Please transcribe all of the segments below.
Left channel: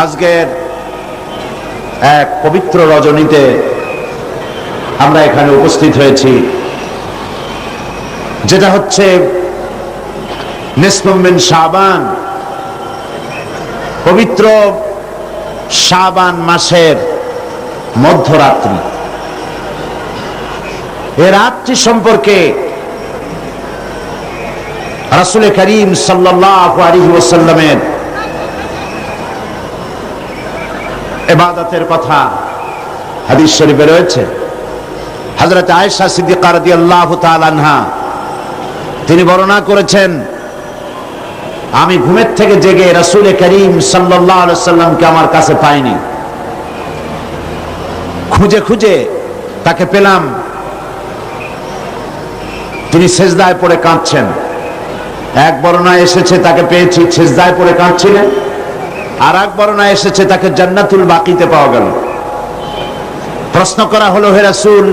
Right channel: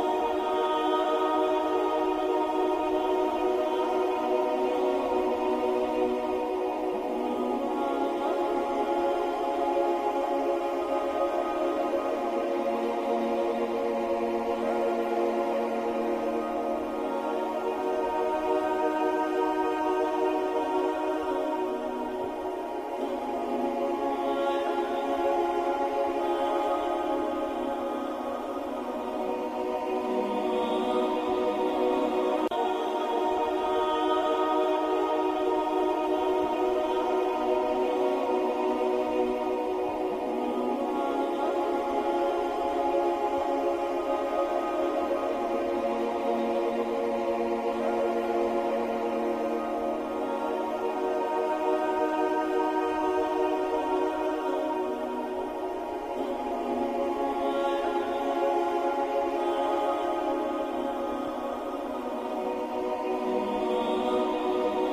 আজকের এক পবিত্র রজনীতে আমরা এখানে উপস্থিত হয়েছি, যেটা হচ্ছে নিসফুম মিন শাবান, পবিত্র শাবান মাসের মধ্যরাত্রি। এই রাত্রি সম্পর্কে রাসূল করিম সাল্লাল্লাহু আলাইহি ওয়াসাল্লামের ইবাদতের কথা হাদিস শরীফে রয়েছে। হযরত আয়েশা সিদ্দিকা রাদিয়াল্লাহু তাআলা আনহা তিনি বর্ণনা করেছেন, আমি ঘুমের থেকে জেগে রাসূল করিম সাল্লাল্লাহু আলাইহি ওয়াসাল্লামকে আমার কাছে পাইনি, খুঁজে খুঁজে তাকে পেলাম, তিনি সিজদায় পড়ে কাঁদছেন। এক বর্ণনায় এসেছে তাকে পেয়েছি সিজদায় পড়ে কাঁদছিলেন, আর এক বর্ণনায় এসেছে তাকে জান্নাতুল বাকিতে পাওয়া গেল। প্রশ্ন করা হলো, হে রাসূল,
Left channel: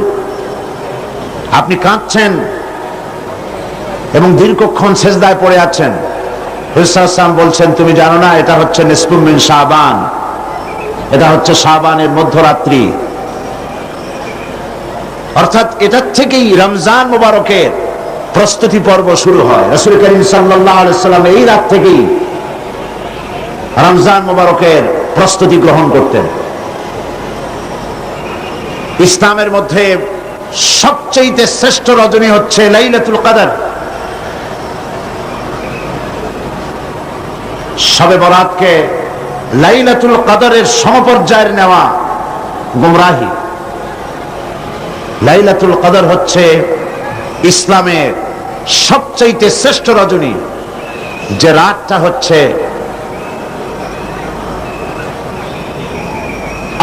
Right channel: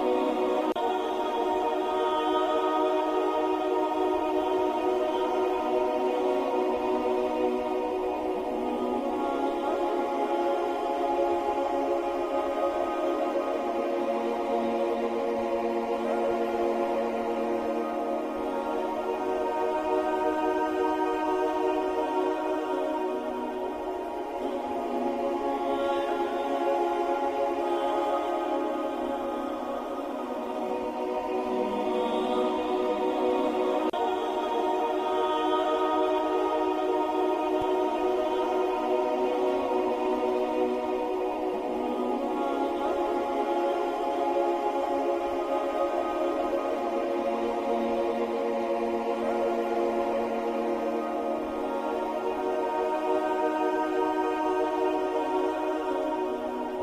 আপনি কাঁদছেন এবং দীর্ঘক্ষণ সিজদায় পড়ে আছেন। রাসূল সাল্লাল্লাহু আলাইহি ওয়াসাল্লাম বলছেন, তুমি জানো না এটা হচ্ছে নিসফুম মিন শাবান, এটা হচ্ছে শাবানের মধ্যরাত্রি। অর্থাৎ এটার থেকেই রমজান মুবারকের প্রস্তুতি পর্ব শুরু হয়। রাসূল করিম সাল্লাল্লাহু আলাইহি ওয়াসাল্লাম এই রাত থেকেই রমজান মুবারকের প্রস্তুতি গ্রহণ করতেন। ইসলামের মধ্যে সবচেয়ে শ্রেষ্ঠ রজনী হচ্ছে লাইলাতুল কদর। শবে বরাতকে লাইলাতুল কদরের সমপর্যায়ের নেওয়া গুমরাহি। লাইলাতুল কদর হচ্ছে ইসলামের সবচেয়ে শ্রেষ্ঠ রজনী, যে রাতটা হচ্ছে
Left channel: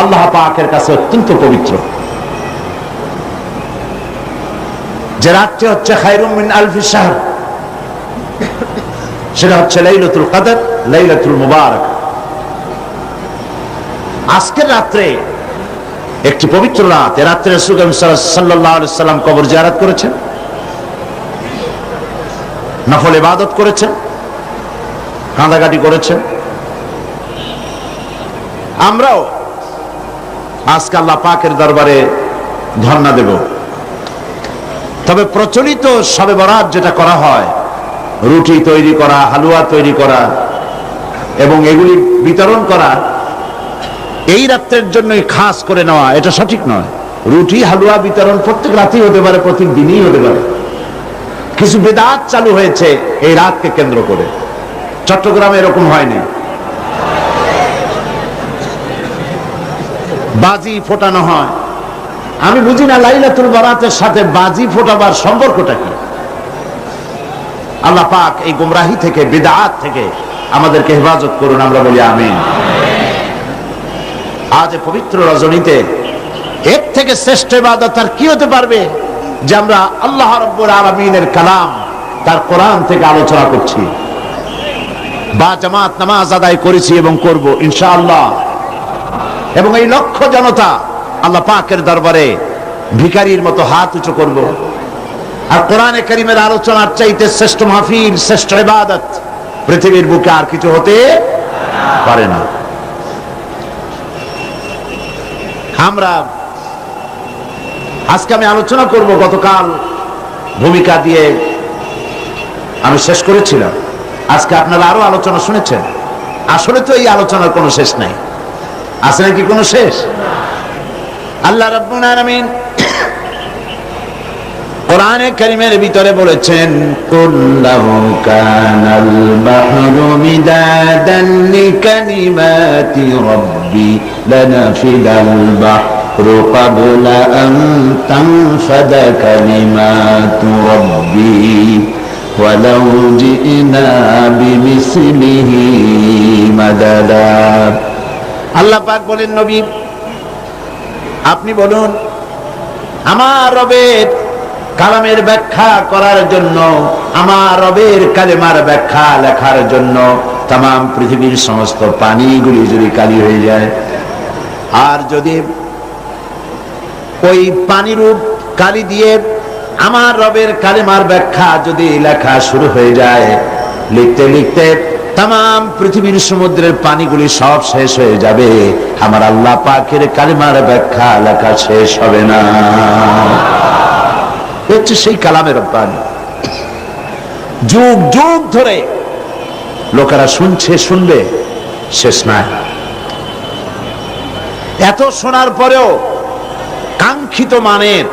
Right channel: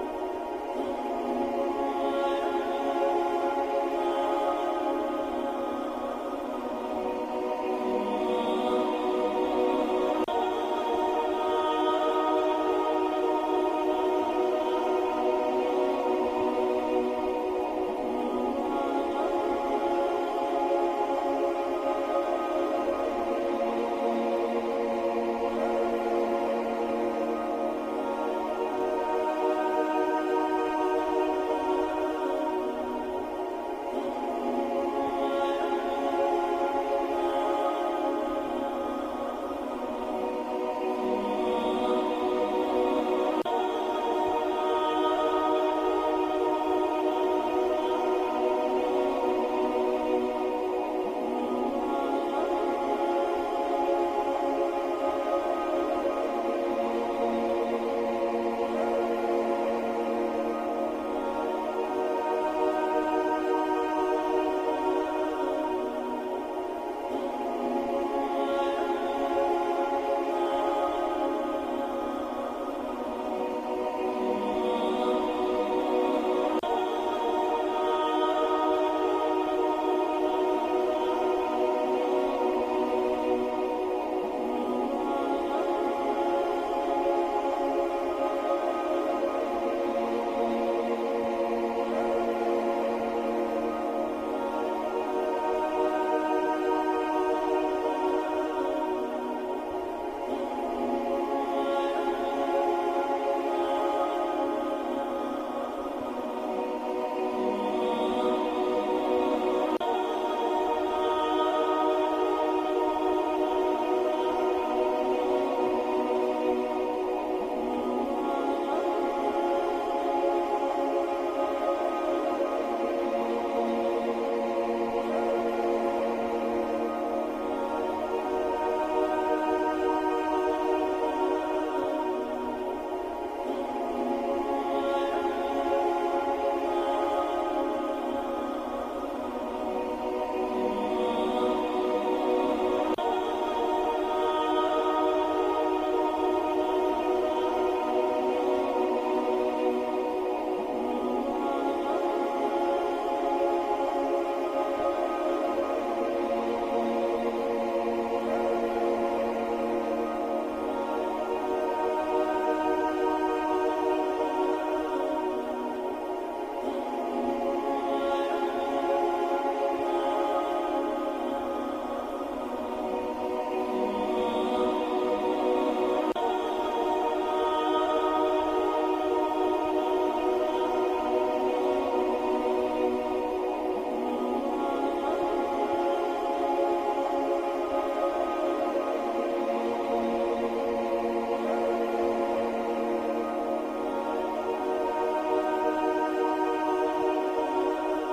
আল্লাহ পাকের কাছে অত্যন্ত পবিত্র, যে রাতটি হচ্ছে খায়রুম মিন আলফি শাহর, সেটা হচ্ছে লাইলাতুল কদর, লাইলাতুল মুবারক। আজকের রাত্রে একটি পবিত্র রাত। এ রাত্রে রাসূল সাল্লাল্লাহু আলাইহি ওয়াসাল্লাম কবর জিয়ারত করেছেন, নফল ইবাদত করেছেন, কাঁদাকাটি করেছেন। আমরাও আজকে আল্লাহ পাকের দরবারে ধর্ণা দেব। তবে প্রচলিত শবে বরাত যেটা করা হয়, রুটি তৈরি করা, হালুয়া তৈরি করা এবং এগুলি বিতরণ করা, এই রাত্রের জন্যই খাস করে নেওয়া, এটা সঠিক নয়। রুটি হালুয়া বিতরণ প্রত্যেক রাতেই হতে পারে, প্রত্যেক দিনই হতে পারে। কিছু বিদআত চালু হয়েছে এই রাতকে কেন্দ্র করে। চট্টগ্রামে এরকম হয়নি। বাজি ফোটানো হয়। আমি বুঝি না লাইলাতুল বরাতের সাথে বাজি ফোটাবার সম্পর্কটা কি। আল্লাহ পাক এই গুমরাহি থেকে, বিদআত থেকে আমাদেরকে হেফাজত করুন, আমরা বলি আমিন। আজ পবিত্র রজনীতে এর থেকে শ্রেষ্ঠ ইবাদত আর কি হতে পারবে, যে আমরা আল্লাহ রাব্বুল আলামিনের কালাম, তার কোরআন থেকে আলোচনা করছি, বা জামাত নামাজ আদায় করেছি এবং করব ইনশাআল্লাহ। এবং এই লক্ষ জনতা আল্লাহ পাকের দরবারে ভিখারির মতো হাত উঁচু করব। আর কোরআনে কারীমের আলোচনার চাইতে শ্রেষ্ঠ মাহফিল, শ্রেষ্ঠ ইবাদত পৃথিবীর বুকে আর কিছু হতে পারে না। আমরা আজকে আমি আলোচনা করব, গতকাল ভূমিকা দিয়ে আমি শেষ করেছিলাম। আজকে আপনারা আরো আলোচনা শুনেছেন। আসলে তো এই আলোচনার কোনো শেষ নাই, আছে নাকি কোনো শেষ? আল্লাহ রাব্বুল আলামিন কোরআনে কারীমের ভিতরে বলেছেন, কুল্লাহু কানাল বাহরু মিদাদান লিকালিমাতি রাব্বি লানাফিদাল বাহরু ক্বাবলা আন তানফাদা কালিমাতু রাব্বি ওয়ালাউ জিনা বিমিসলিহি মাদাদা। আল্লাহ পাক বলেন, নবী আপনি বলুন, আমার রবের কালামের ব্যাখ্যা করার জন্য, আমার রবের কালেমার ব্যাখ্যা লেখার জন্য তাম পৃথিবীর সমস্ত পানিগুলি যদি কালি হয়ে যায়, আর যদি ওই পানিরূপ কালি দিয়ে আমার রবের কালেমার ব্যাখ্যা যদি লেখা শুরু হয়ে যায়, লিখতে লিখতে তাম পৃথিবীর সমুদ্রের পানিগুলি সব শেষ হয়ে যাবে, আমার আল্লাহ পাকের কালিমার ব্যাখ্যা লেখা শেষ হবে না। হচ্ছে সেই কালামের রব্বানি, যুগ যুগ ধরে লোকেরা শুনছে, শুনবে, শেষ নাই। এত শোনার পরেও কাঙ্ক্ষিত মানের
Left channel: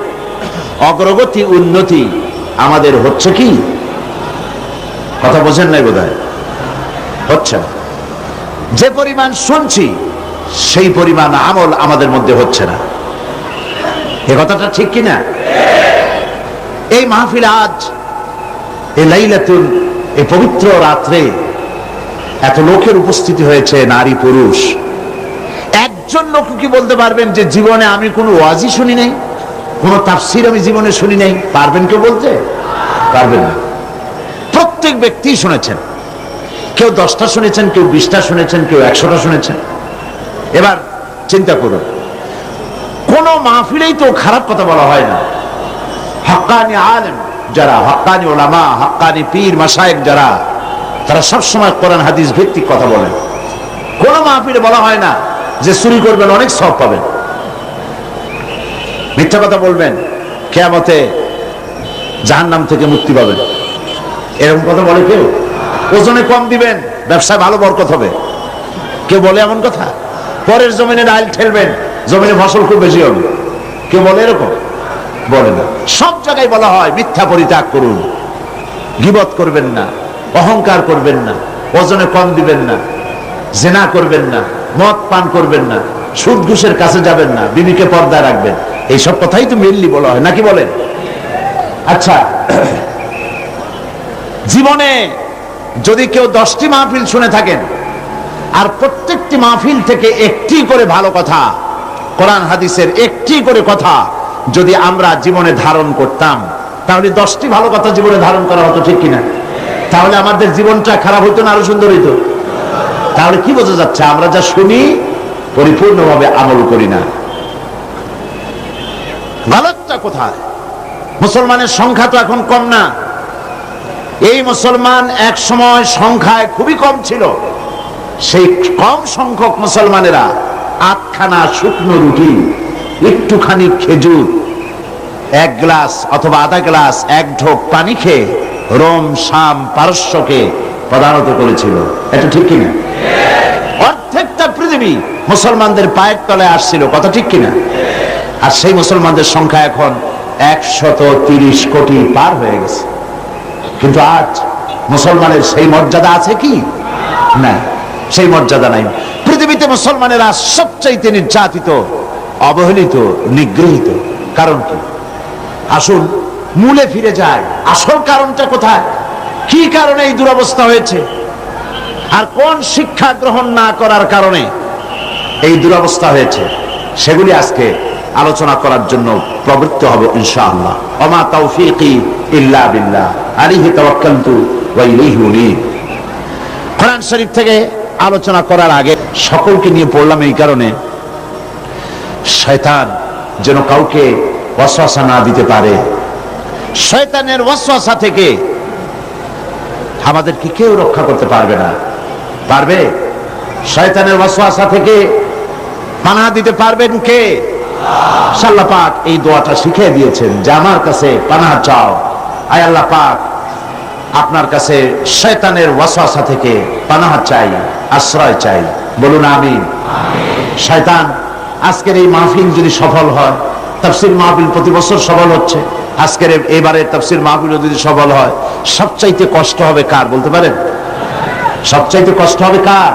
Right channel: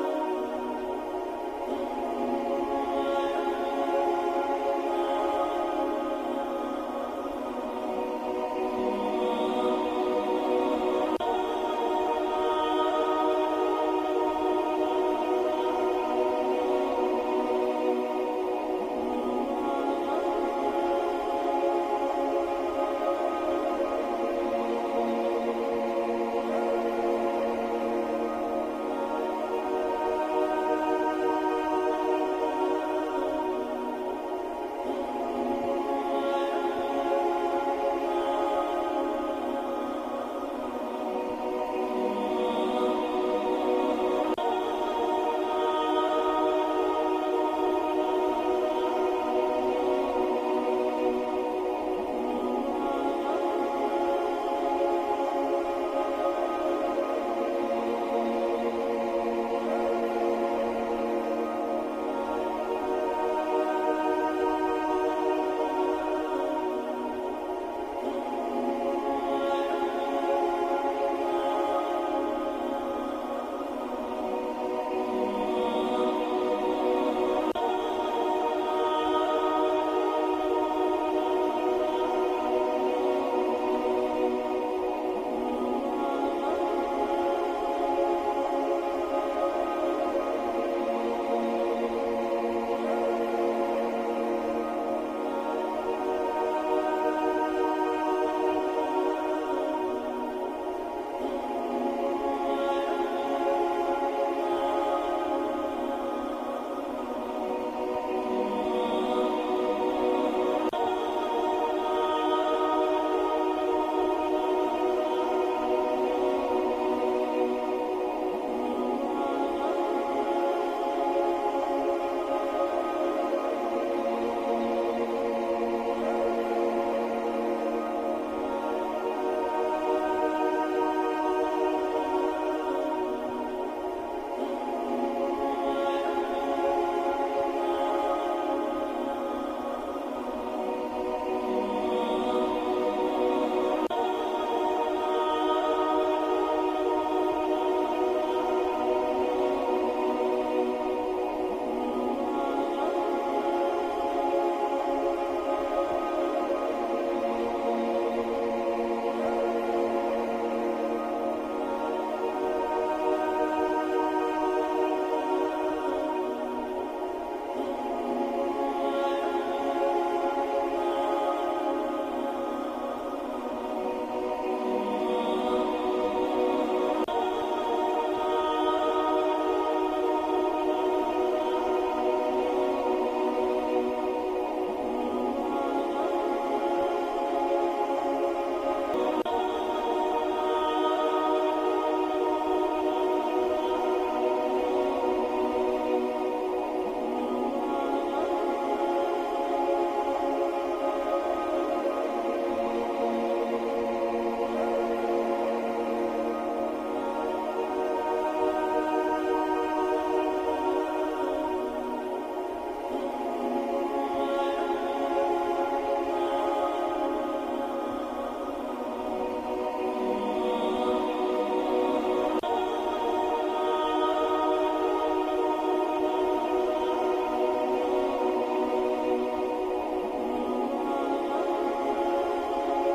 অগ্রগতি, উন্নতি আমাদের হচ্ছে কি? কথা বোঝেন নাই বোধহয়, হচ্ছে না। যে পরিমাণ শুনছি সেই পরিমাণ আমল আমাদের মধ্যে হচ্ছে না। এ কথাটা ঠিক কিনা? এই মাহফিল আজ, এই লাইলাতুল, এই পবিত্র রাত্রে এত লোকের উপস্থিতি হয়েছে, নারী পুরুষ। একজন লোক কি বলতে পারবেন যে জীবনে আমি কোনো ওয়াজি শুনি নাই, কোনো তাফসীর আমি জীবনে শুনি নাই? পারবেন কেউ বলতে? পারবেন না। প্রত্যেক ব্যক্তি শুনেছেন, কেউ 10টা শুনেছেন, কেউ 20টা শুনেছেন, কেউ 100টা শুনেছেন। এবার চিন্তা করুন, কোন মাহফিলেই তো খারাপ কথা বলা হয় না। হক্কানি আলেম যারা, হক্কানি ওলামা, হক্কানি পীর মাশায়েখ যারা, তারা সবসময় কোরআন হাদিস ভিত্তিক কথা বলেন। কোন মাহফিলে বলা হয় না যে চুরি করবেন অনেক সওয়াব পাবেন, মিথ্যা কথা বলবেন কিয়ামতে জাহান্নাম থেকে মুক্তি পাবেন, এরকম কথা বলে কেউ? ওজনে কম দিবেন, ব্যবসায় ভালো বরকত হবে, কেউ বলে এমন কথা? পরের জমিনে ডাল ঠেলবেন, জমিনে ফসল খুব বেশি হবে, কেউ বলে এরকম? বলে না। সব জায়গায় বলা হয় মিথ্যা পরিত্যাগ করুন, গীবত করবেন না, অহংকার করবেন না, ওজনে কম দিবেন না, জিনা করবেন না, মদ পান করবেন না, সুদ ঘুষের কাছে যাবেন না, বিবিকে পর্দায় রাখবেন। এইসব কথাই তো মেনলি বলা হয়, নাকি বলেন? আচ্ছা, জীবনে যদি কেউ 10টি মাহফিল শুনে থাকেন আর প্রত্যেকটি মাহফিল থেকে একটি করে ভালো কথা, কোরআন হাদিসের একটি করে কথা যদি আমরা জীবনে ধারণ করতাম, তাহলে 10টি ভালো কথা জীবনে ধারণ করা হতো, ঠিক কিনা? তাহলে আমাদের জীবনটা খারাপ হইতো না আরো সুন্দর হইতো? তাহলে কি বোঝা যাচ্ছে? আমরা যা শুনি পরিপূর্ণভাবে আমল করি না। গলতটা কোথায়? মুসলমানের সংখ্যা তো এখন কম না। এই মুসলমান এক সময় সংখ্যায় খুবই কম ছিল। সেই কম সংখ্যক মুসলমানেরা 8খানা শুকনো রুটি, একটুখানি খেজুর, 1 গ্লাস অথবা আধা গ্লাস, 1 ঢোক পানি খেয়ে রোম, শাম, পারস্যকে পদানত করেছিল। এটা ঠিক কিনা? অর্ধেকটা পৃথিবী মুসলমানদের পায়ের তলায় আসছিল, কথা ঠিক কিনা? আর সেই মুসলমানদের সংখ্যা এখন 130 কোটি পার হয়ে গেছে। কিন্তু আজ মুসলমানের সেই মর্যাদা আছে কি? না, সেই মর্যাদা নাই। পৃথিবীতে মুসলমানেরা সবচাইতে নির্যাতিত, অবহেলিত, নিগৃহীত। কারণ কি? আসুন মূলে ফিরে যায়। আসল কারণটা কোথায়? কি কারণে এই দুরবস্থা হয়েছে? আর কোন শিক্ষা গ্রহণ না করার কারণে এই দুরবস্থা হয়েছে? সেগুলি আজকে আলোচনা করার জন্য প্রবৃত্ত হব ইনশাআল্লাহ। ওমা তাওফীকি ইল্লা বিল্লাহ, আলাইহি তাওয়াক্কালতু ওয়া ইলাইহি উনীব। কোরআন শরীফ থেকে আলোচনা করার আগে সকলকে নিয়ে পড়লাম এই কারণে, শয়তান যেন কাউকে ওয়াসওয়াসা না দিতে পারে। শয়তানের ওয়াসওয়াসা থেকে আমাদেরকে কেউ রক্ষা করতে পারবে না। পারবে? শয়তানের ওয়াসওয়াসা থেকে পানাহ দিতে পারবেন কে? আল্লাহ পাক এই দোয়াটা শিখিয়ে দিয়েছেন যে আমার কাছে পানাহ চাও। আয় আল্লাহ পাক, আপনার কাছে শয়তানের ওয়াসওয়াসা থেকে পানাহ চাই, আশ্রয় চাই। বলুন আমিন। শয়তান আজকের এই মাহফিল যদি সফল হয়, তাফসীর মাহফিল প্রতি বছর সফল হচ্ছে, আজকের এবারের তাফসীর মাহফিল যদি সফল হয়, সবচাইতে কষ্ট হবে কার বলতে পারেন? সবচাইতে কষ্ট হবে কার?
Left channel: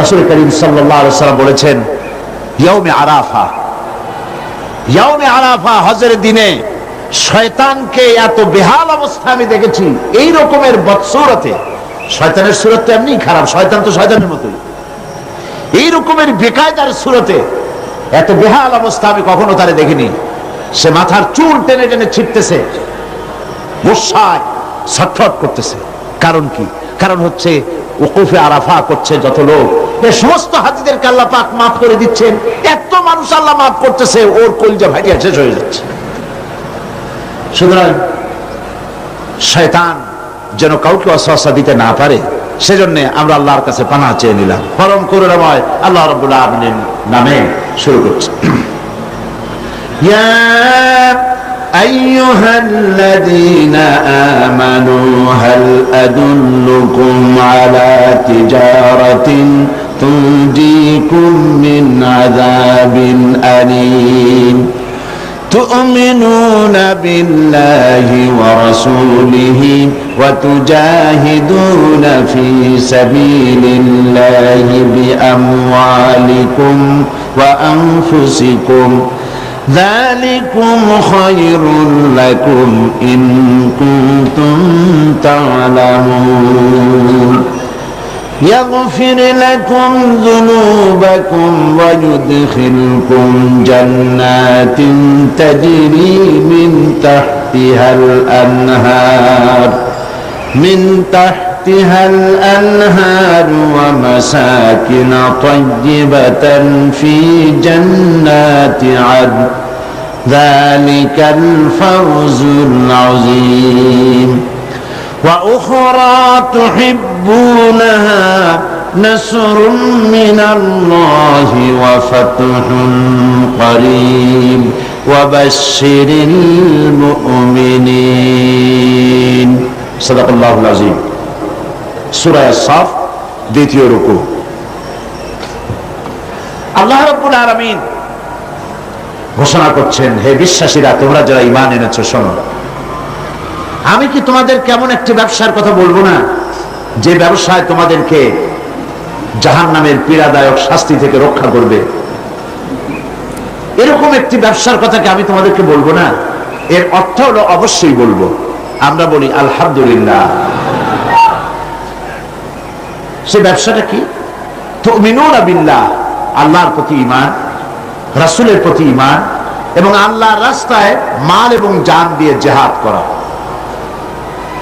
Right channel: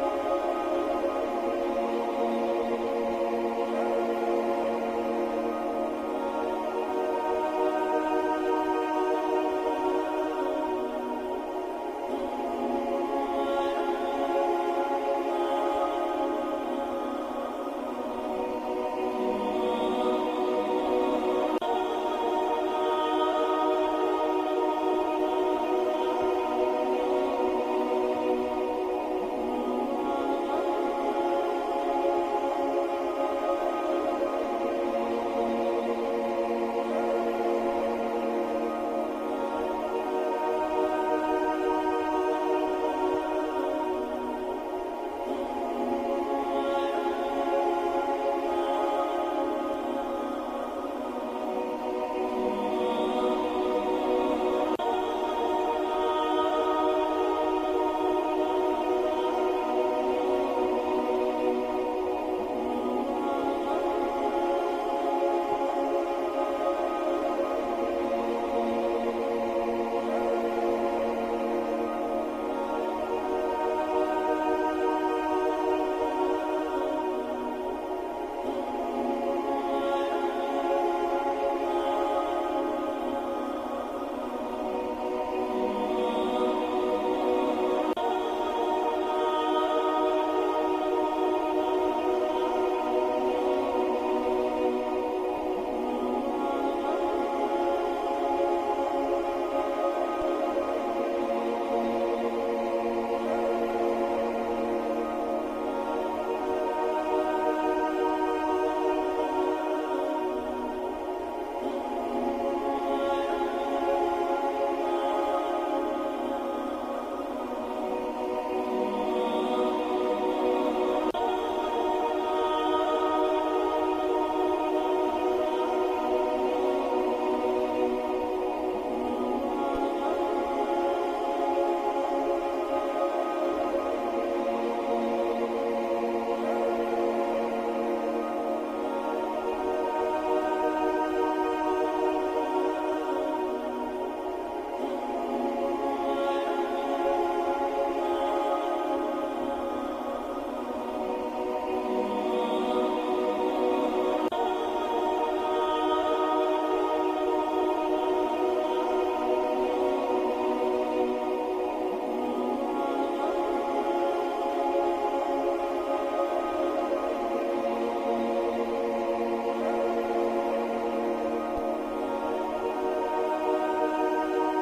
রাসূল করিম সাল্লাল্লাহু আলাইহি ওয়াসাল্লাম বলেছেন, ইয়াউমে আরাফা, ইয়াউমে আরাফা হজের দিনে শয়তানকে এত বেহাল অবস্থা আমি দেখেছি। এই রকমের বদসুরতে, শয়তানের সুরত তো এমনি খারাপ, শয়তান তো শয়তানের মতোই, এই রকমের বেকায়দার সুরতে এত বেহাল অবস্থা আমি কখনো তারে দেখিনি। সে মাথার চুল টেনে টেনে ছিটতেছে, গুসায় ছটফট করতেছে। কারণ কি? কারণ হচ্ছে ওকুফে আরাফা করছে যত লোক, এ সমস্ত হাজিদেরকে আল্লাহ পাক মাফ করে দিচ্ছেন। এত মানুষ আল্লাহ মাফ করতেছে, ওর কলিজা ভাইয়া শেষ হয়ে যাচ্ছে। সুতরাং শয়তান যেন কাউকে ওয়াসওয়াসা দিতে না পারে, সেজন্য আমরা আল্লাহর কাছে পানাহ চেয়ে নিলাম। পরম করুণাময় আল্লাহ রাব্বুল আলামিনের নামে শুরু করছি। ইয়া আইয়ুহাল্লাযীনা আমানু হাল আদুল্লুকুম আলা তিজারাতিন তুনজিকুম মিন আযাবিন আলীম تؤمنون بالله ورسوله وتجاهدون في سبيل الله بأموالكم وأنفسكم ذلكم خير لكم إن كنتم تعلمون يغفر لكم ذنوبكم ويدخلكم جنات تجري من تحتها الأنهار ومساكن طيبة في جنات عدن ذلك الفوز العظيم وأخرى تحبونها نصر من الله وفتح قريب وبشر المؤمنين صدق الله العظيم সূরা সাফ দ্বিতীয় রুকু। আল্লাহ রাব্বুল আলামিন ঘোষণা করছেন, হে বিশ্বাসীরা, তোমরা যারা ঈমান এনেছো শোনো, আমি কি তোমাদের কেমন একটি ব্যবসার কথা বলবো না, যে ব্যবসায় তোমাদেরকে জাহান্নামের পীড়াদায়ক শাস্তি থেকে রক্ষা করবে? এরকম একটি ব্যবসার কথা কি আমি তোমাদেরকে বলবো না? এর অর্থ হলো অবশ্যই বলবো। আমরা বলি আলহামদুলিল্লাহ। সে ব্যবসাটা কি? তুমিনুনা বিল্লাহ, আল্লাহর প্রতি ঈমান, রাসূলের প্রতি ঈমান এবং আল্লাহর রাস্তায় মাল এবং জান দিয়ে জিহাদ করা।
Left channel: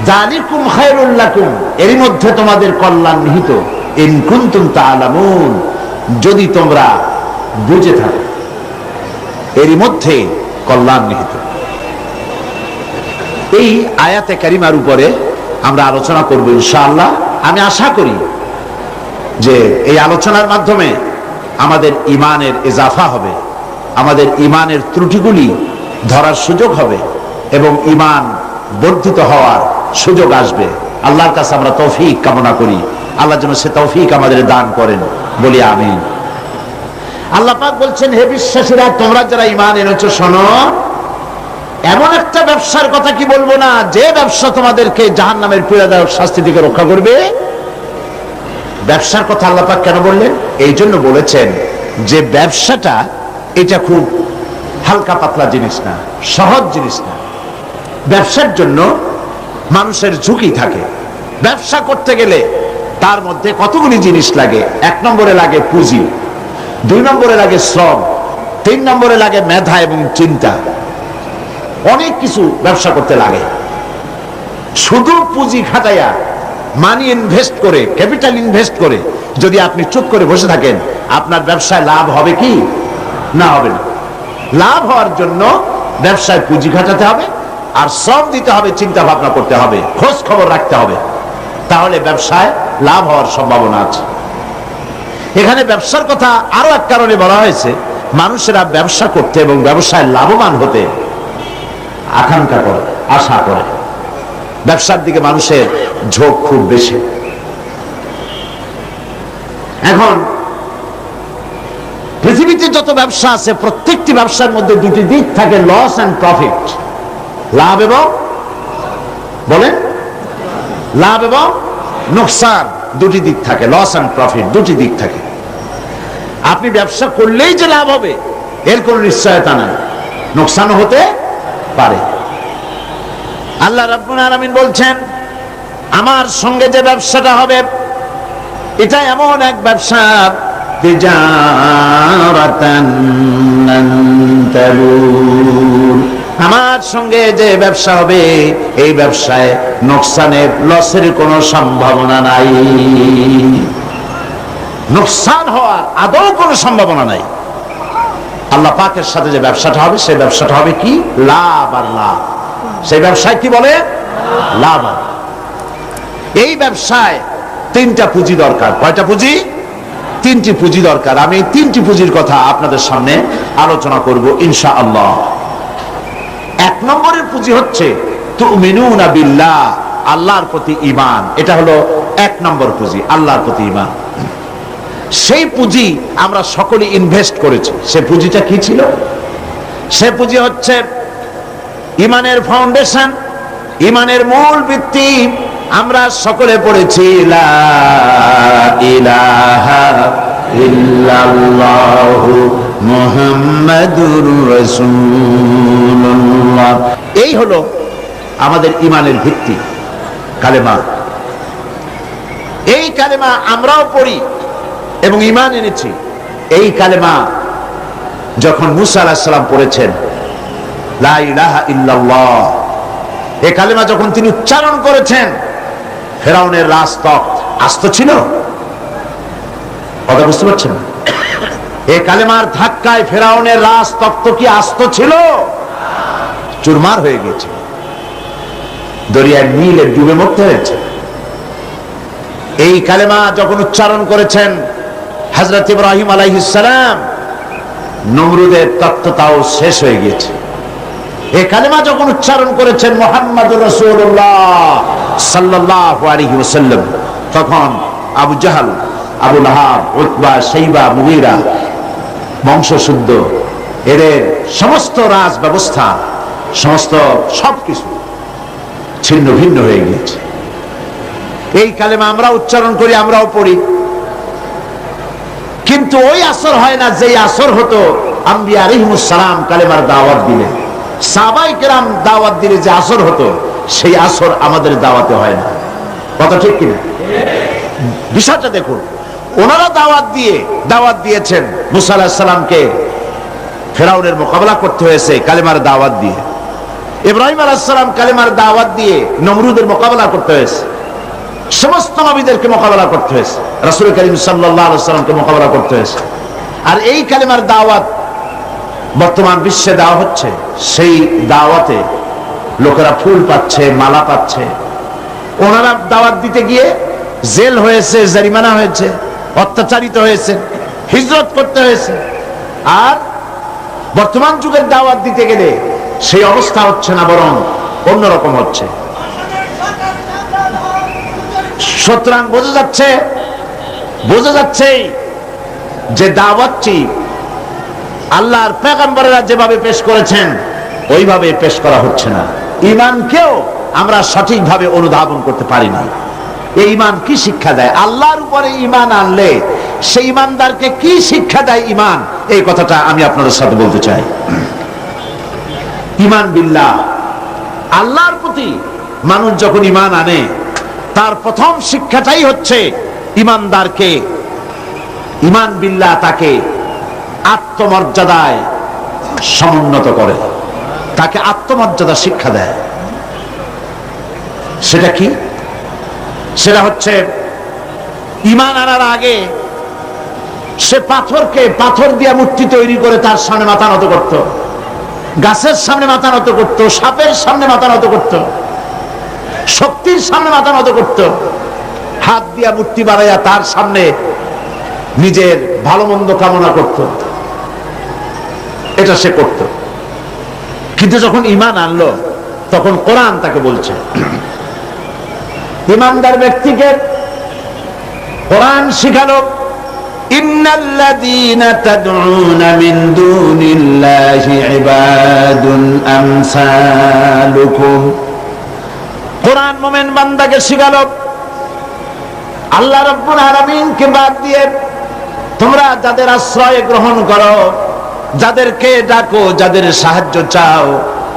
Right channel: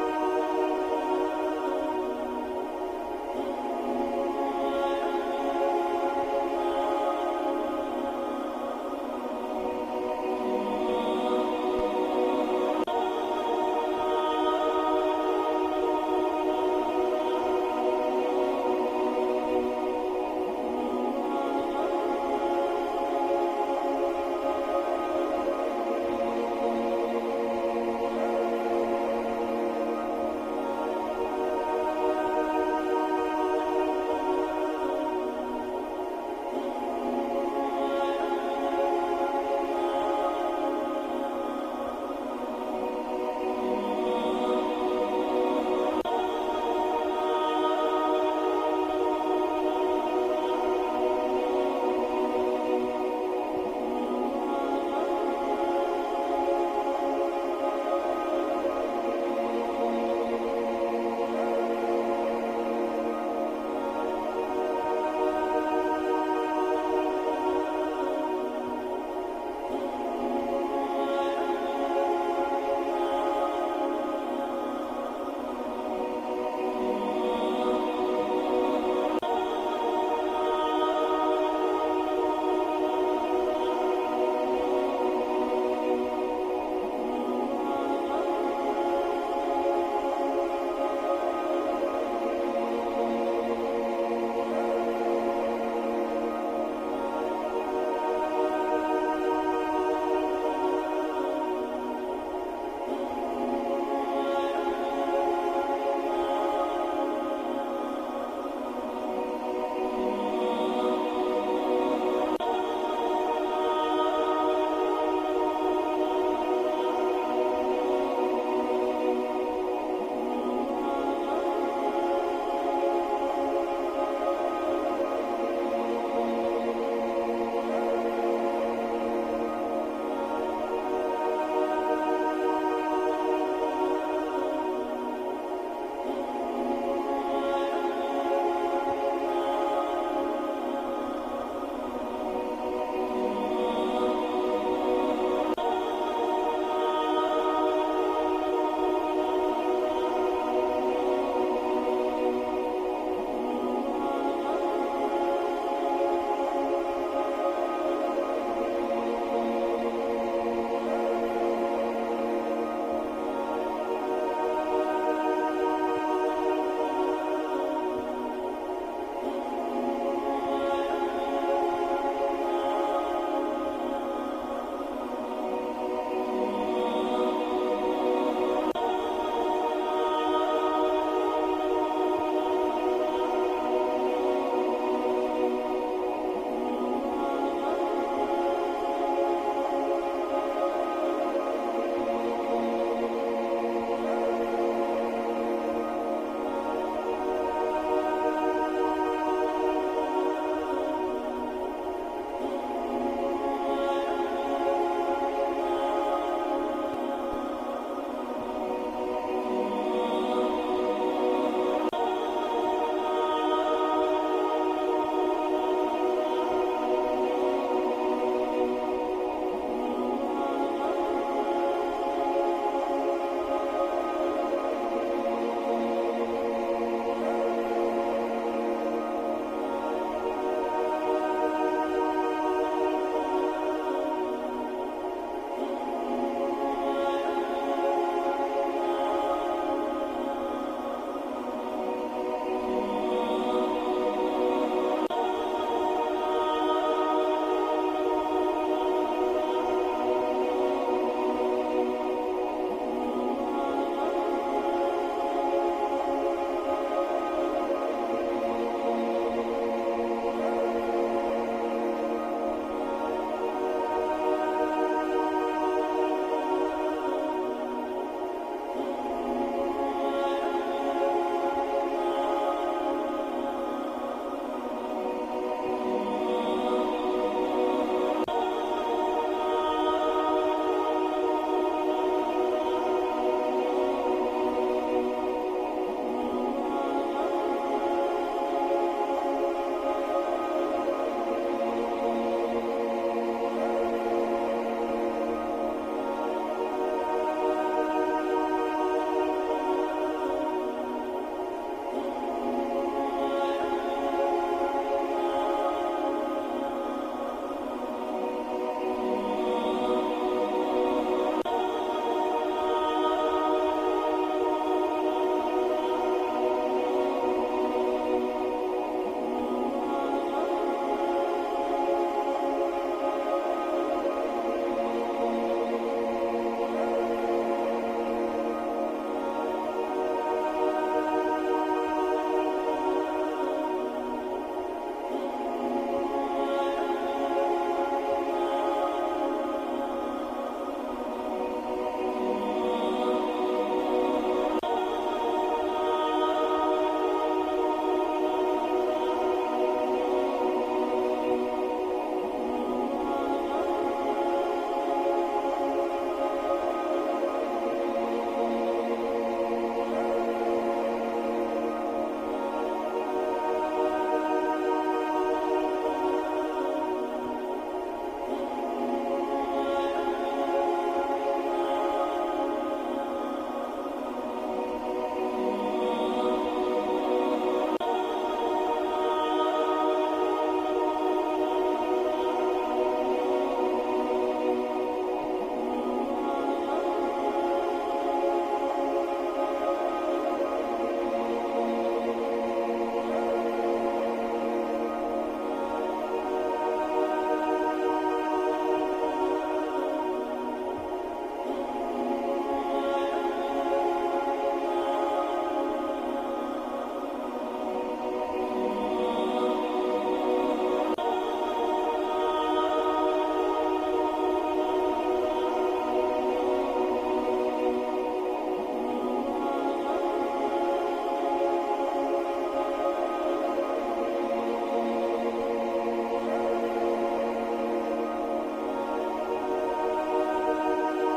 যালিকুম খায়রুল লাকুম, এর মধ্যে তোমাদের কল্যাণ নিহিত। ইন কুনতুম তা'লামুন, যদি তোমরা বুঝে থাকো, এর মধ্যে কল্যাণ নিহিত। এই আয়াতে কারিমার উপরে আমরা আলোচনা করব ইনশাআল্লাহ। আমি আশা করি যে এই আলোচনার মাধ্যমে আমাদের ঈমানের ইজাফা হবে, আমাদের ঈমানের ত্রুটিগুলি ধরার সুযোগ হবে এবং ঈমান বর্ধিত হওয়ার সুযোগ আসবে। আল্লাহর কাছে আমরা তৌফিক কামনা করি, আল্লাহ যেন সে তৌফিক আমাদের দান করেন, বলি আমিন। আল্লাহ পাক বলছেন, হে বিশ্বাসীরা, তোমরা যারা ঈমান এনেছো শোনো, এমন একটা ব্যবসার কথা কি বলবো না, যে ব্যবসা তোমাদেরকে জাহান্নামের পীড়াদায়ক শাস্তি থেকে রক্ষা করবে। ব্যবসার কথা আল্লাহ পাক কেন বললেন? এই জন্য বলেছেন যে ব্যবসাটা এটা খুব হালকা পাতলা জিনিস না, সহজ জিনিস না। ব্যবসার জন্য মানুষের ঝুঁকি থাকে। ব্যবসা করতে গেলে তার মধ্যে কতগুলি জিনিস লাগে। 1 নম্বরে লাগে পুঁজি, 2 নম্বরে লাগে শ্রম, 3 নম্বরে লাগে মেধা এবং চিন্তা। অনেক কিছু ব্যবসা করতে লাগে। শুধু পুঁজি খাটাইয়া, মানি ইনভেস্ট করে, ক্যাপিটাল ইনভেস্ট করে যদি আপনি চুপ করে বসে থাকেন, আপনার ব্যবসায় লাভ হবে কি? না, হবে না। লাভ হওয়ার জন্য ব্যবসায় পুঁজি খাটাতে হবে, আর শ্রম দিতে হবে, চিন্তা ভাবনা করতে হবে, খোঁজ খবর রাখতে হবে, তাহলে ব্যবসায় লাভ হওয়ার সম্ভাবনা আছে। এখানে ব্যবসার কথা আরো এক কারণে বলা হয়েছে, মানুষেরা ব্যবসা করতে এবং ব্যবসায় লাভবান হতে আকাঙ্ক্ষা করে, আশা করে। ব্যবসার দিকে মানুষের ঝোঁক খুব বেশি। এখন পৃথিবীতে যত ব্যবসা আছে, প্রত্যেকটি ব্যবসার মধ্যে দুটি দিক থাকে, লস এন্ড প্রফিট, লাভ এবং বলেন লাভ এবং নোকসান, দুটি দিক থাকে। লস এন্ড প্রফিট দুটি দিক থাকে। আপনি ব্যবসা করলেই যে লাভ হবে এর কোন নিশ্চয়তা নাই, নোকসানও হতে পারে। আল্লাহ রাব্বুল আলামিন বলছেন, আমার সঙ্গে যে ব্যবসাটা হবে এটা এমন এক ব্যবসা, তিজারাতান লান তাবুর, আমার সঙ্গে যে ব্যবসা হবে এই ব্যবসায় নোকসানের, লসের কোনো সম্ভাবনা নাই। নোকসান হওয়ার আদৌ কোনো সম্ভাবনা নাই। আল্লাহ পাকের সাথে যে ব্যবসাটা হবে সেই ব্যবসাটা হবে কি? লাভ আর লাভ। সেই ব্যবসায় কি বলে? লাভ। এই ব্যবসায় তিনটা পুঁজি দরকার। কয়টা পুঁজি? তিনটি পুঁজি দরকার। আমি এই তিনটি পুঁজির কথা আপনাদের সামনে আলোচনা করব ইনশাআল্লাহ। এক নম্বরের পুঁজি হচ্ছে তুমিনুনা বিল্লাহ, আল্লাহর প্রতি ঈমান। এটা হলো এক নম্বর পুঁজি, আল্লাহর প্রতি ঈমান। সেই পুঁজি আমরা সকলে ইনভেস্ট করেছি। সে পুঁজিটা কি ছিল? সে পুঁজি হচ্ছে ঈমানের ফাউন্ডেশন, ঈমানের মূল ভিত্তি। আমরা সকলে পড়েছি লা ইলাহা ইল্লাল্লাহু মুহাম্মাদুর রাসূলুল্লাহ। এই হলো আমাদের ঈমানের ভিত্তি, কালেমা। এই কালেমা আমরাও পড়ি এবং ঈমান এনেছি। এই কালেমা যখন মুসা আলাইহিস সালাম পড়েছেন, লা ইলাহা ইল্লাল্লাহ, এই কালেমা যখন তিনি উচ্চারণ করেছেন, ফেরাউনের রাজতক্ত আস্ত ছিল? কথা বুঝতে পারছেন? এই কালেমার ধাক্কায় ফেরাউনের রাজতক্ত কি আস্ত ছিল? চুরমার হয়ে গেছে, দরিয়ার নীলে ডুবে মরতে হয়েছে। এই কালেমা যখন উচ্চারণ করেছেন হযরত ইব্রাহিম আলাইহিস সালাম, নমরুদের তত্ত্বটাও শেষ হয়ে গেছে। এই কালেমা যখন উচ্চারণ করেছেন মুহাম্মদুর রাসূলুল্লাহ সাল্লাল্লাহু আলাইহি ওয়াসাল্লাম, তখন আবু জাহল, আবু লাহাব, উতবা, শাইবা, মুগীরা বংশশুদ্ধ, এদের সমস্ত রাজ ব্যবস্থা, সমস্ত সবকিছু ছিন্ন ভিন্ন হয়ে গিয়েছে। এই কালেমা আমরা উচ্চারণ করি, আমরাও পড়ি, কিন্তু ওই আসর হয় না যে আসর হতো আম্বিয়া আলাইহিমুস সালাম কালেমার দাওয়াত দিলে, সাহাবায়ে কেরাম দাওয়াত দিলে যে আসর হতো, সেই আসর আমাদের দাওয়াতে হয় না। কথা ঠিক কিনা? বিষয়টা দেখুন, ওনারা দাওয়াত দিয়েছেন মুসা আলাইহিস সালামকে, ফেরাউনের মোকাবেলা করতে হয়েছে কালেমার দাওয়াত দিয়ে। ইব্রাহিম আলাইহিস সালাম কালেমার দাওয়াত দিয়ে নমরুদের মোকাবেলা করতে হয়েছে। সমস্ত নবীদেরকে মোকাবেলা করতে হয়েছে, রাসূল করিম সাল্লাল্লাহু আলাইহি ওয়াসাল্লামকে মোকাবেলা করতে হয়েছে। আর এই কালেমার দাওয়াত বর্তমান বিশ্বে দেওয়া হচ্ছে। সেই দাওয়াতে লোকেরা ফুল পাচ্ছে, মালা পাচ্ছে। ওনারা দাওয়াত দিতে গিয়ে জেল হয়েছে, জরিমানা হয়েছে, অত্যাচারিত হয়েছে, হিজরত করতে হয়েছে। আর বর্তমান যুগের দাওয়াত দিতে গেলে সেই অবস্থা হচ্ছে না, বরং অন্যরকম হচ্ছে। সুতরাং বোঝা যাচ্ছে যে দাওয়াতটি আল্লাহর পয়গম্বরেরা যেভাবে পেশ করেছেন ওইভাবে পেশ করা হচ্ছে না। ঈমানকেও আমরা সঠিকভাবে অনুধাবন করতে পারি না। এই ঈমান কি শিক্ষা দেয়? আল্লাহর উপরে ঈমান আনলে সেই ঈমানদারকে কি শিক্ষা দেয় ঈমান, এই কথাটা আমি আপনাদের সাথে বলতে চাই। ঈমান বিল্লাহ, আল্লাহর প্রতি মানুষ যখন ঈমান আনে, তার প্রথম শিক্ষাটাই হচ্ছে ঈমানদারকে, ঈমান বিল্লাহ তাকে আত্মমর্যাদায় সমুন্নত করে, তাকে আত্মমর্যাদা শিক্ষা দেয়। সেটা কি? সেটা হচ্ছে ঈমান আনার আগে সে পাথর দিয়ে মূর্তি তৈরি করে তার সামনে মাথা নত করত, গাছের সামনে মাথা নত করত, সাপের সামনে মাথা নত করত, শক্তির সামনে মাথা নত করত, হাত দিয়া মূর্তি বানাইয়া তার সামনে নিজের ভালো মন্দ কামনা করত। এটা সে করত। কিন্তু যখন ঈমান আনলো, তখন কোরআন তাকে বলছে, ঈমানদার ব্যক্তিকে কোরআন শিখালো, ইন্নাল্লাযীনা তাদউনা মিন দুনিল্লাহি ইবাদুন আমসালুকুম। কোরআন মুমিন বান্দাকে শিখালো, আল্লাহ রাব্বুল আলামিনকে বাদ দিয়ে তোমরা যাদের আশ্রয় গ্রহণ করো, যাদেরকে ডাকো, যাদের সাহায্য চাও,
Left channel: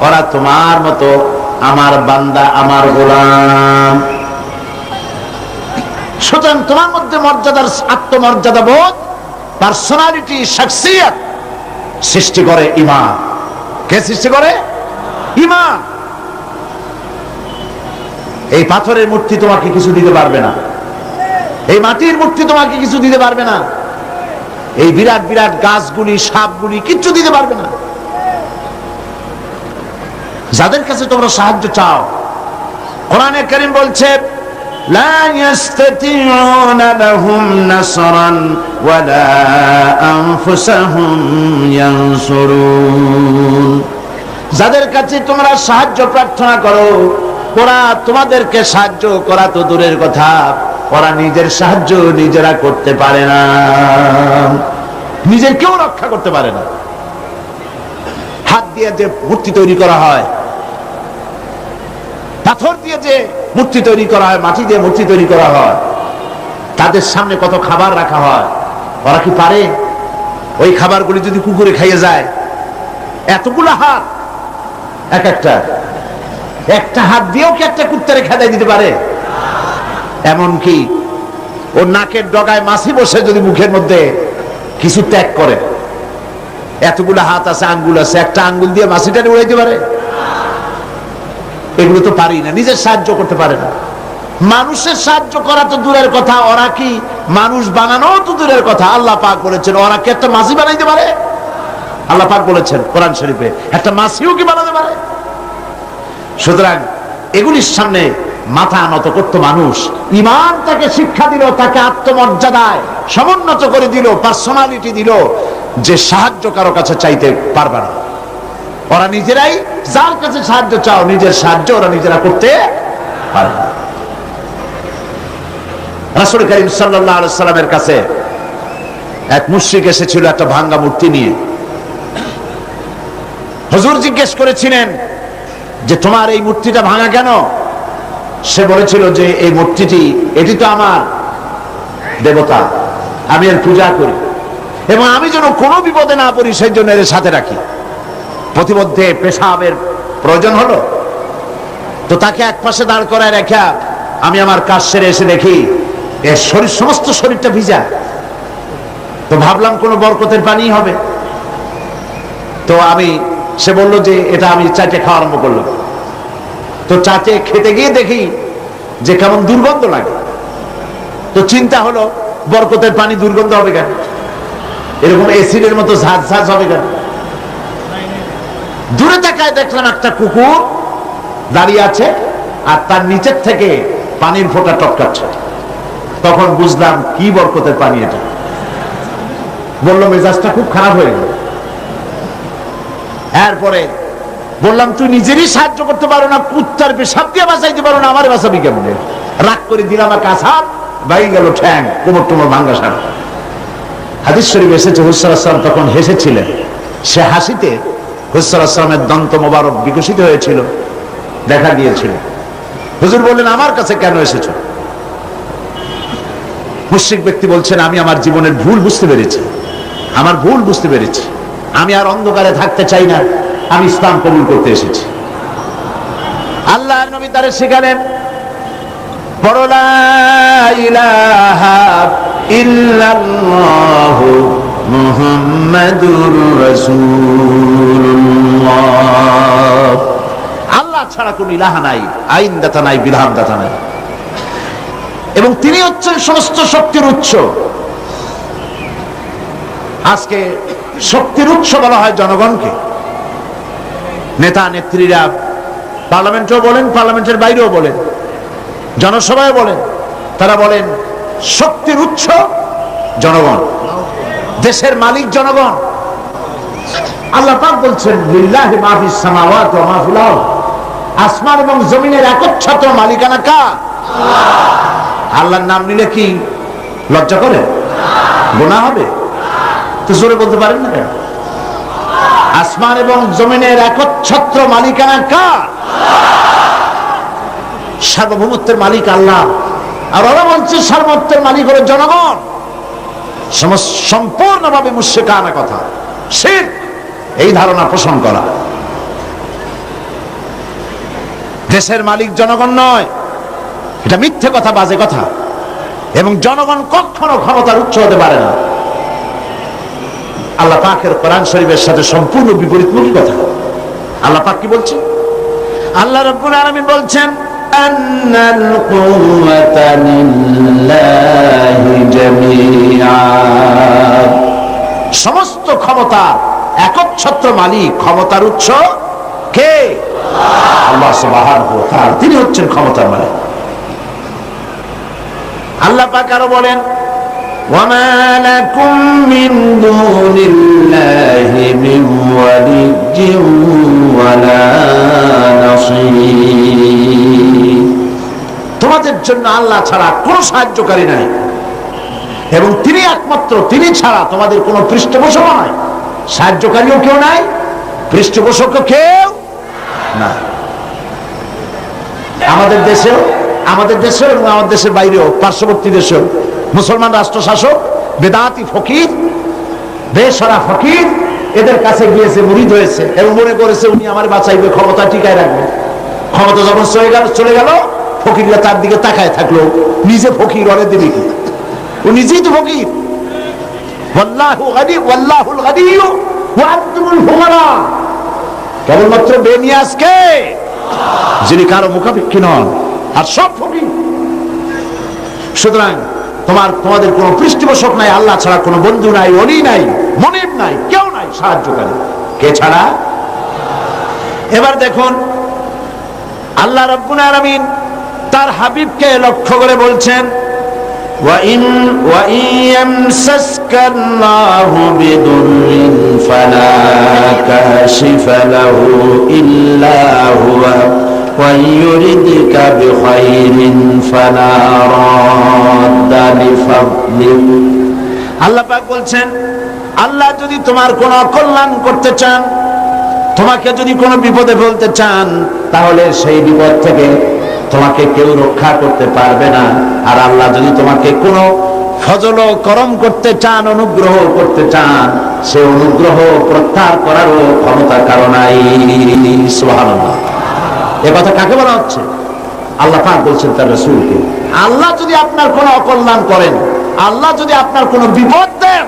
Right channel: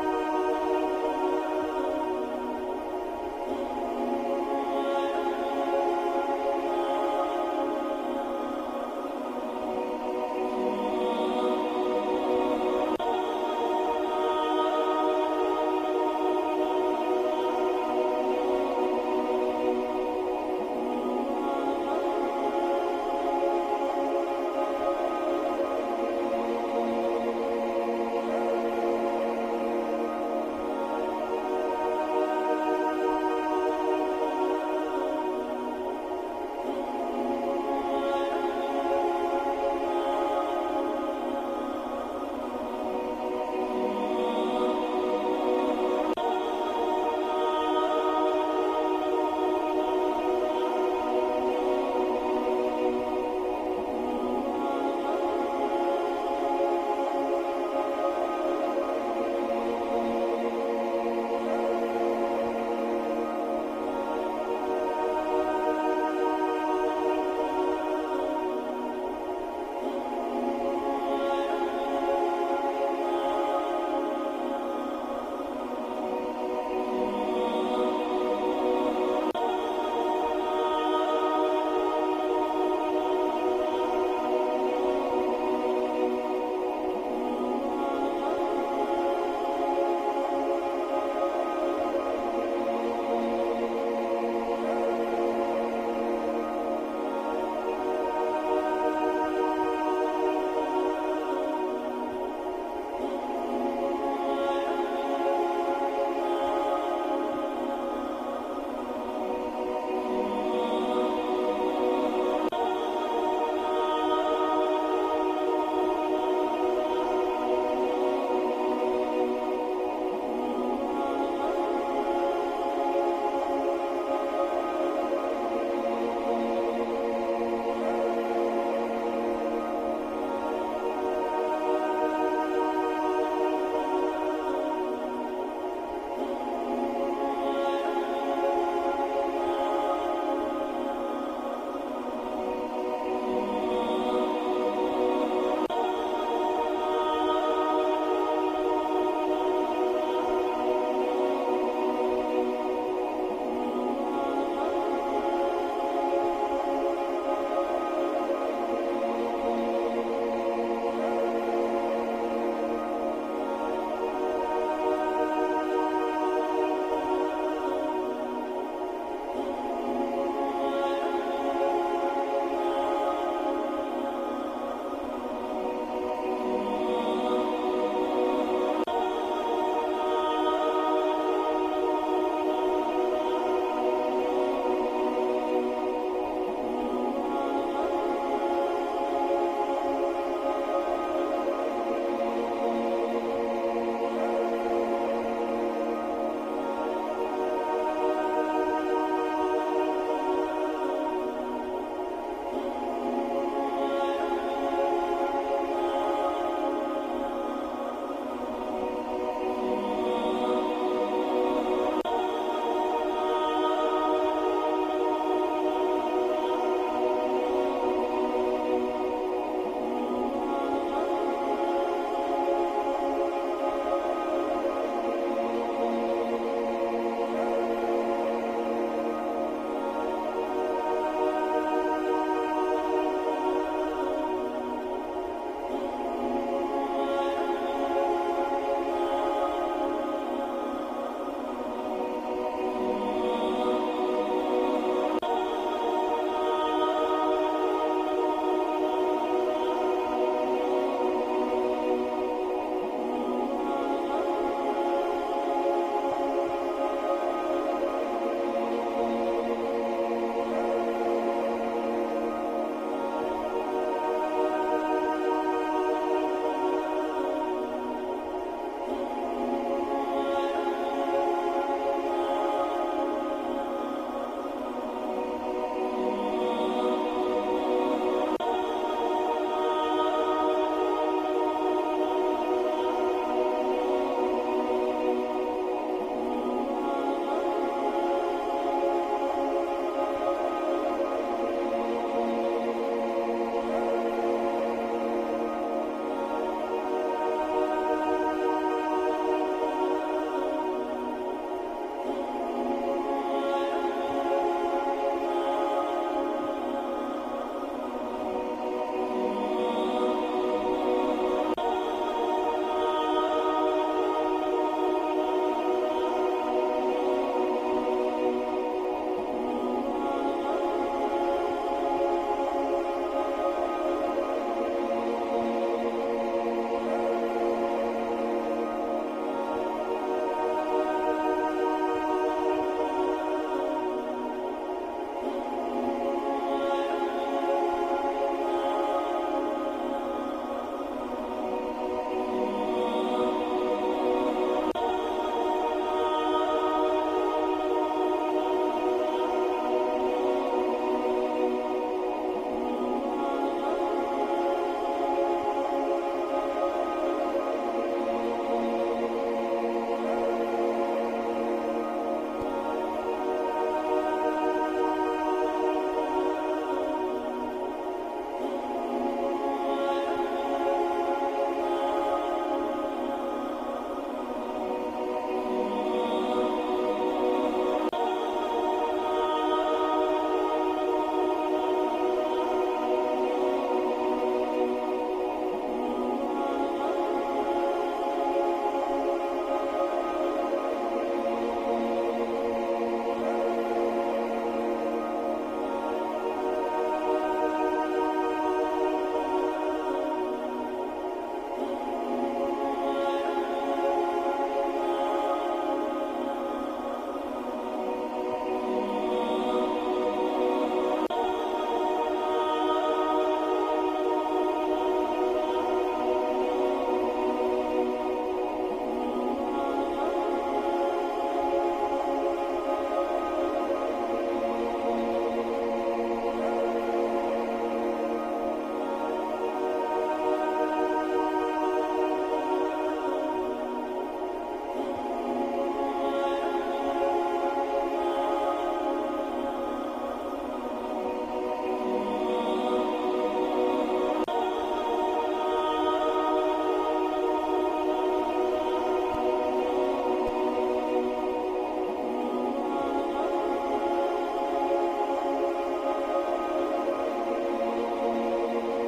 ওরা তোমার মতো আমার বান্দা, আমার গোলাম। সুতরাং তোমার মধ্যে মর্যাদার, আত্মমর্যাদা বোধ, পার্সোনালিটি, শাখসিয়ত সৃষ্টি করে ঈমান। কে সৃষ্টি করে? ঈমান। এই পাথরের মূর্তি তোমাকে কিছু দিতে পারবে না, এই মাটির মূর্তি তোমাকে কিছু দিতে পারবে না, এই বিরাট বিরাট গাছগুলি, সাপগুলি কিচ্ছু দিতে পারবে না। যাদের কাছে তোমরা সাহায্য চাও, কোরআনে কারীম বলছে لا يستطيعون لهم نصرا ولا أنفسهم ينصرون। যাদের কাছে তোমরা সাহায্য প্রার্থনা করো, ওরা তোমাদেরকে সাহায্য করা তো দূরের কথা, ওরা নিজের সাহায্য নিজেরা করতে পারে না, নিজের কেউ রক্ষা করতে পারে না। হাত দিয়ে যে মূর্তি তৈরি করা হয়, পাথর দিয়ে যে মূর্তি তৈরি করা হয়, মাটি দিয়ে মূর্তি তৈরি করা হয়, তাদের সামনে কত খাবার রাখা হয়, ওরা কি পারে ওই খাবারগুলি যদি কুকুরে খাইয়ে যায়? এতগুলো হাত, একটা হাত দিয়েও কি একটা কুত্তারে খেদাই দিতে পারে? এমনকি ওর নাকের ডগায় মাছি বসে যদি মুখের মধ্যে কিছু ত্যাগ করে, এতগুলো হাত আছে, আঙ্গুল আছে, একটা আঙ্গুল দিয়ে মাছিটারে উড়াইতে পারে? এগুলো তো পারি না, নিজের সাহায্য করতে পারে না। মানুষের সাহায্য করা তো দূরের কথা, ওরা কি মানুষ বানানো তো দূরের কথা। আল্লাহ পাক বলেছেন ওরা কি একটা মাছি বানাইতে পারে? আল্লাহ পাক বলেছেন কোরআন শরীফে একটা মাছিও কি বানাতে পারে? সুতরাং এগুলির সামনে মাথা নত করত মানুষ। ঈমান তাকে শিক্ষা দিল, তাকে আত্মমর্যাদায় সমুন্নত করে দিল, পার্সোনালিটি দিল, যে সাহায্য কারো কাছে চাইতে পারবে না। ওরা নিজেরাই, যার কাছে সাহায্য চাও, নিজের সাহায্য ওরা নিজেরা করতে পারে না। রাসূল করিম সাল্লাল্লাহু আলাইহি সাল্লামের কাছে এক মুশরিক এসেছিল একটা ভাঙা মূর্তি নিয়ে। হুজুর জিজ্ঞেস করেছিলেন যে তোমার এই মূর্তিটা ভাঙা কেন? সে বলেছিল যে এই মূর্তিটি, এটি তো আমার দেবতা, আমি এর পূজা করি এবং আমি যেন কোনো বিপদে না পড়ি সেই জন্য এর সাথে রাখি। প্রতিমধ্যে পেশাবের প্রয়োজন হলো, তো তাকে এক পাশে দাঁড় করায় রেখা আমি আমার কাজ সেরে এসে দেখি এর শরীর, সমস্ত শরীরটা ভিজা। তো ভাবলাম কোনো বরকতের পানি হবে, তো সে বললো যে এটা আমি চাটে খাওয়া আরম্ভ করলাম। তো চাটে খেতে গিয়ে দেখি যে কেমন দুর্গন্ধ লাগে। তো চিন্তা হলো বরকতের পানি দুর্গন্ধ হবে কেন? এরকম এসিডের মতো ঝাঁঝ ঝাঁঝ হবে কেন? দূরে তাকায় দেখলাম একটা কুকুর দাঁড়িয়ে আছে আর তার নিচের থেকে পানির ফোঁটা টপকাচ্ছে। তখন বুঝলাম কি বরকতের পানি এটা। বললো মেজাজটা খুব খারাপ হয়ে গেল। এরপরে বললাম তুই নিজেরই সাহায্য করতে পারো না, কুত্তার পেশাব দিয়ে বাঁচাইতে পারো না, আমার বাঁচাবি কেমনে? রাগ করে দিলাম, আর কাছাপ বাইরে গেল, ঠ্যাং কোমর টোমর ভাঙ্গা সারা। হাদিস শরীফ এসেছে হুজুর সাল্লাল্লাহু আলাইহি ওয়াসাল্লাম তখন হেসেছিলেন। সে হাসিতে হুজুর সাল্লাল্লাহু আলাইহি ওয়াসাল্লামের দন্ত মোবারক বিকশিত হয়েছিল, দেখা দিয়েছিল। হুজুর বললেন আমার কাছে কেন এসেছো? মুশরিক ব্যক্তি বলছেন আমি আমার জীবনের ভুল বুঝতে পেরেছি, আমার ভুল বুঝতে পেরেছি, আমি আর অন্ধকারে থাকতে চাই না, আমি ইসলাম কবুল করতে এসেছি। আল্লাহর নবী তারে শিখালেন পড়ো লা ইলাহা ইল্লাল্লাহু মুহাম্মাদুর রাসূলুল্লাহ। আল্লাহ ছাড়া কোনো ইলাহা নাই, আইনদাতা নাই, বিধানদাতা নাই, এবং তিনি হচ্ছেন সমস্ত শক্তির উৎস। আজকে শক্তির উৎস বলা হয় জনগণকে। নেতা নেত্রীরা পার্লামেন্টেও বলেন, পার্লামেন্টের বাইরেও বলেন, জনসভায় বলেন, তারা বলেন শক্তির উৎস জনগণ, দেশের মালিক জনগণ। আল্লাহ পাক বলছেন লিল্লাহি মা ফিস সামাওয়াতি ওয়া মা ফিল আরদ, আসমান এবং জমিনের একচ্ছত্র মালিকানা কার? আল্লাহ। আল্লাহর নাম নিলে কি লজ্জা করে? গুনাহ হবে? তো জোরে বলতে পারেন না কেন? আসমান এবং জমিনের একচ্ছত্র মালিকানা কার? সার্বভৌমত্বের মালিক আল্লাহ। আর ওরা বলছে সার্বভৌমত্বের মালিক হলো জনগণ। সম্পূর্ণভাবে মুশরিকানা কথা, শিরক, এই ধারণা পোষণ করা। দেশের মালিক জনগণ নয়, এটা মিথ্যে কথা, বাজে কথা। এবং জনগণ কখনো ক্ষমতার উৎস হতে পারে না। আল্লাহ পাকের কোরআন শরীফের সাথে সম্পূর্ণ বিপরীতমুখী কথা। আল্লাহ পাক কি বলছেন? আল্লাহ রাব্বুল আলামিন বলছেন আন্নাল কুওয়াতা লিল্লাহি জামিআ, সমস্ত ক্ষমতা একচ্ছত্র মালিক, ক্ষমতার উৎস কে? আল্লাহ সুবহানাহু ওয়া তাআলা, তিনি হচ্ছেন ক্ষমতার মালিক। আল্লাহ পাক আরো বলেন ওয়ামা লাকুম মিন দুনিল্লাহি মিন ওয়ালিয়্যিন ওয়ালা নাসীর। তোমাদের জন্য আল্লাহ ছাড়া কোনো সাহায্যকারী নাই এবং তিনি একমাত্র, তিনি ছাড়া তোমাদের কোনো পৃষ্ঠপোষক নাই, সাহায্যকারীও কেউ নাই, পৃষ্ঠপোষকও কেউ না। আমাদের দেশেও এবং আমাদের দেশের বাইরেও পার্শ্ববর্তী দেশেও মুসলমান রাষ্ট্র শাসক বেদাতি ফকির, বেশরা ফকির এদের কাছে গিয়েছে, মুরিদ হয়েছে এবং মনে করেছে উনি আমার বাঁচাইবে, ক্ষমতা টিকায় রাখবে। ক্ষমতা যখন চলে গেল ফকিররা তার দিকে তাকায় থাকলো, নিজে ফকির অনেক দিবে কি, ও নিজেই তো ফকির। কেবলমাত্র বেনিয়াজকে যিনি কারো মুখাপেক্ষী নন, আর সব ফকির। সুতরাং তোমাদের কোনো পৃষ্ঠপোষক নাই, আল্লাহ ছাড়া কোনো বন্ধু নাই, অলি নাই, মনিব নাই, কেউ নাই সাহায্যকারী। কে ছাড়া? এবার দেখুন আল্লাহ রাব্বুল আলামিন তার হাবিবকে লক্ষ্য করে বলছেন وَإِنْ يَمْسَسْكَ اللَّهُ بِضُرٍّ فَلَا كَاشِفَ لَهُ إِلَّا هُوَ وَإِنْ يُرِدْكَ بِخَيْرٍ فَلَا رَادَّ لِفَضْلِهِ। আল্লাহ পাক বলছেন আল্লাহ যদি তোমার কোনো অকল্যাণ করতে চান, তোমাকে যদি কোনো বিপদে ফেলতে চান, তাহলে সেই বিপদ থেকে তোমাকে কেউ রক্ষা করতে পারবে না। আর আল্লাহ যদি তোমাকে কোনো ফজল করম করতে চান, অনুগ্রহ করতে চান, সে অনুগ্রহ প্রত্যাহার করারও ক্ষমতা কারো নাই। সুবহানাল্লাহ। এ কথা কাকে বলা হচ্ছে? আল্লাহ পাক বলছেন তার রাসূলকে, আল্লাহ যদি আপনার কোনো অকল্যাণ করেন, আল্লাহ যদি আপনার কোনো বিপদ দেন,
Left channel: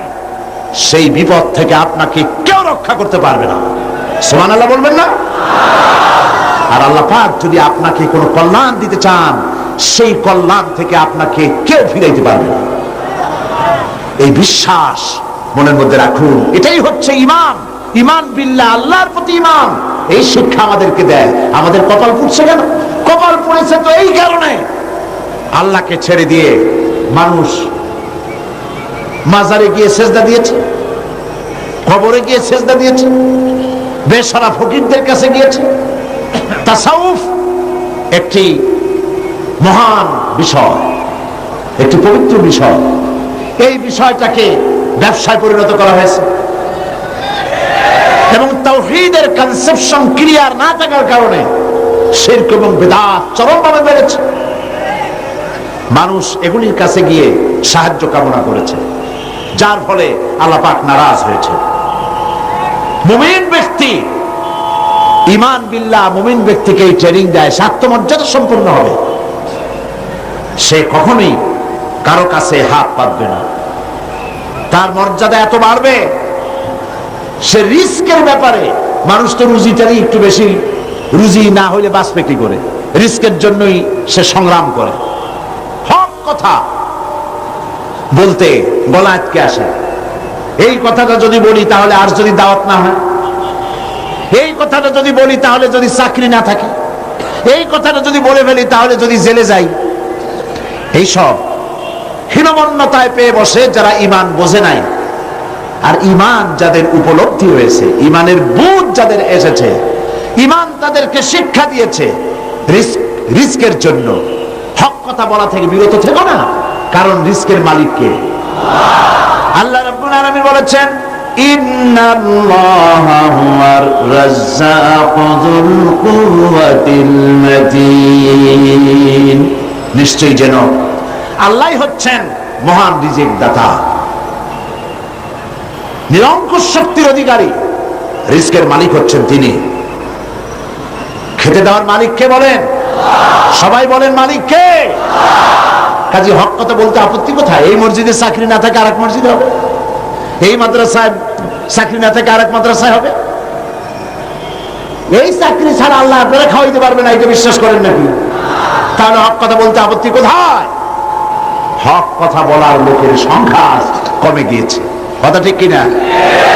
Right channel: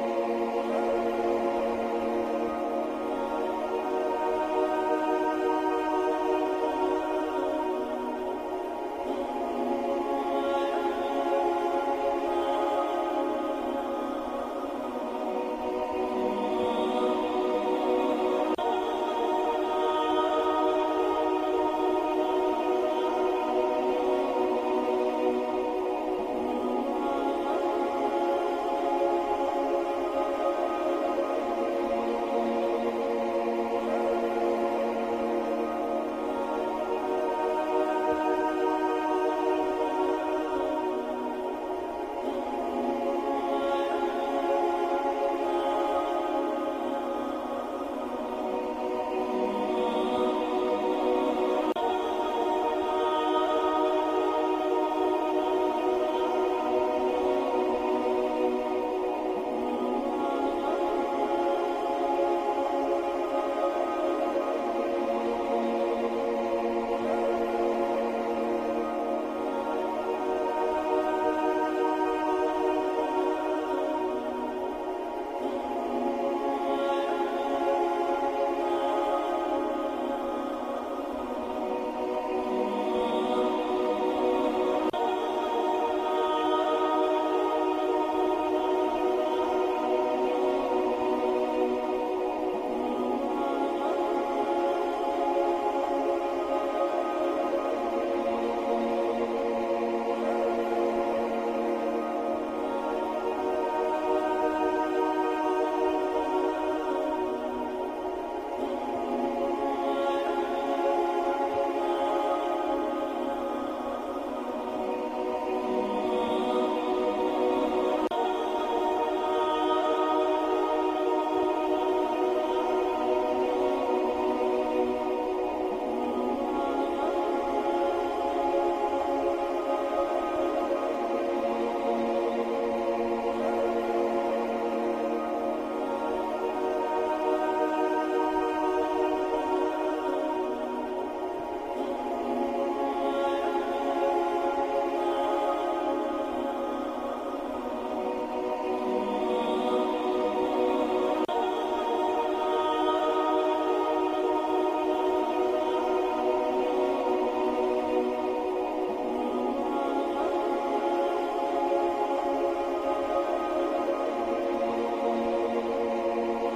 সেই বিপদ থেকে আপনাকে কেউ রক্ষা করতে পারবে না। সুবহানাল্লাহ বলবেন না? আর আল্লাহ পাক যদি আপনাকে কোনো কল্যাণ দিতে চান, সেই কল্যাণ থেকে আপনাকে কেউ ফিরাইতে পারবে না। এই বিশ্বাস মনের মধ্যে রাখুন। এটাই হচ্ছে ঈমান। ঈমান বিল্লাহ, আল্লাহর প্রতি ঈমান। এই শিক্ষা আমাদেরকে দেয়। আমাদের কপাল পুড়ছে কেন? কপাল পুড়েছে তো এই কারণে, আল্লাহকে ছেড়ে দিয়ে মানুষ মাজারে গিয়ে সেজদা দিয়েছে, কবরে গিয়ে সেজদা দিয়েছে, বেশরা ফকিরদের কাছে গিয়েছে। তাসাউফ একটি মহান বিষয়, একটি পবিত্র বিষয়। এই বিষয়টাকে ব্যবসায় পরিণত করা হয়েছে এবং তাওহীদের কনসেপশন ক্লিয়ার না থাকার কারণে শিরক এবং বিদআত চরমভাবে বেড়েছে। মানুষ এগুলির কাছে গিয়ে সাহায্য কামনা করেছে, যার ফলে আল্লাহ পাক নারাজ হয়েছে। মুমিন ব্যক্তি, ঈমান বিল্লাহ মুমিন ব্যক্তিকে এই ট্রেনিং দেয়, সে আত্মমর্যাদা সম্পন্ন হবে। সে কখনোই কারো কাছে হাত পাতবে না, তার মর্যাদা এত বাড়বে। সে রিস্কের ব্যাপারে, মানুষ তো রুজিটারই একটু বেশি, রুজি না হইলে বাঁচবে কি করে, রিস্কের জন্যই সে সংগ্রাম করে। হক কথা বলতে গলা আটকে আসে। এই কথাটা যদি বলি তাহলে আর যদি দাওয়াত না হয়, এই কথাটা যদি বলি তাহলে যদি চাকরি না থাকে, এই কথাটা যদি বলে ফেলি তাহলে যদি জেলে যাই, এইসব হীনমন্যতায় পেয়ে বসে যারা ঈমান বোঝে নাই। আর ঈমান যাদের উপলব্ধি হয়েছে, ঈমানের বুঝ যাদের এসেছে, ঈমান তাদেরকে শিক্ষা দিয়েছে, রিস্কের জন্য হক কথা বলা থেকে বিরত থেকো না, কারণ রিস্কের মালিক কে? আল্লাহ রাব্বুল আলামিন বলেছেন ইন্নাল্লাহা হুয়ার রাজ্জাকু যুল কুওয়াতিল মাতিন। নিশ্চয়ই যেন আল্লাহই হচ্ছেন মহান রিজিক দাতা, নিরঙ্কুশ শক্তির অধিকারী। রিস্কের মালিক হচ্ছেন তিনি। খেতে দেওয়ার মালিক কে বলেন? সবাই বলেন মালিক কে? কাজী হক কথা বলতে আপত্তি কোথায়? এই মসজিদে চাকরি না থাকে আরেক মসজিদে হবে, এই মাদ্রাসায় চাকরি না থাকে আরেক মাদ্রাসায় হবে। এই চাকরি ছাড়া আল্লাহ আপনারা খাওয়াইতে পারবে না, এটা বিশ্বাস করেন নাকি? তাহলে হক কথা বলতে আপত্তি কোথায়? হক কথা বলার লোকের সংখ্যা কমে গিয়েছে, কথা ঠিক কিনা?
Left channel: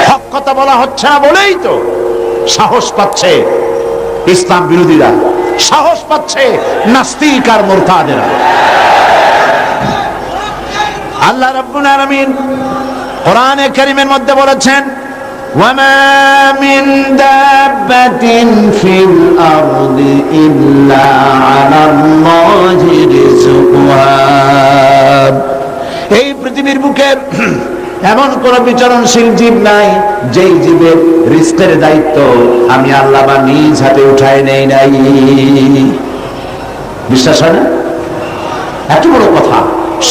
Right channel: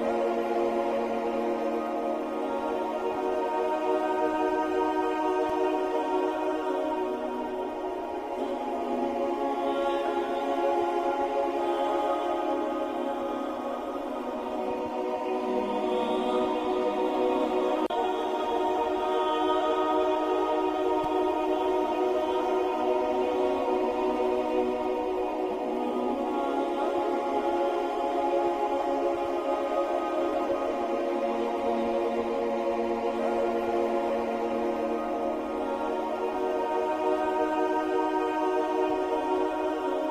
হক কথা বলা হচ্ছে না বলেই তো সাহস পাচ্ছে ইসলাম বিরোধীরা, সাহস পাচ্ছে নাস্তিক আর মুরতাদেরা। আল্লাহ রাব্বুল আলামিন কোরআনে কারীমের মধ্যে বলেছেন, ওয়ামা মিন দাব্বাতিন ফিল আরদি ইল্লা আলাল্লাহি রিজকুহা। এই পৃথিবীর বুকে এমন কোন বিচরণশীল জীব নাই যেই জীবের রিস্কের দায়িত্ব আমি আল্লাহ বা নিজ হাতে উঠায় নেই নাই। বিশ্বাস হয় না? এত বড় কথা।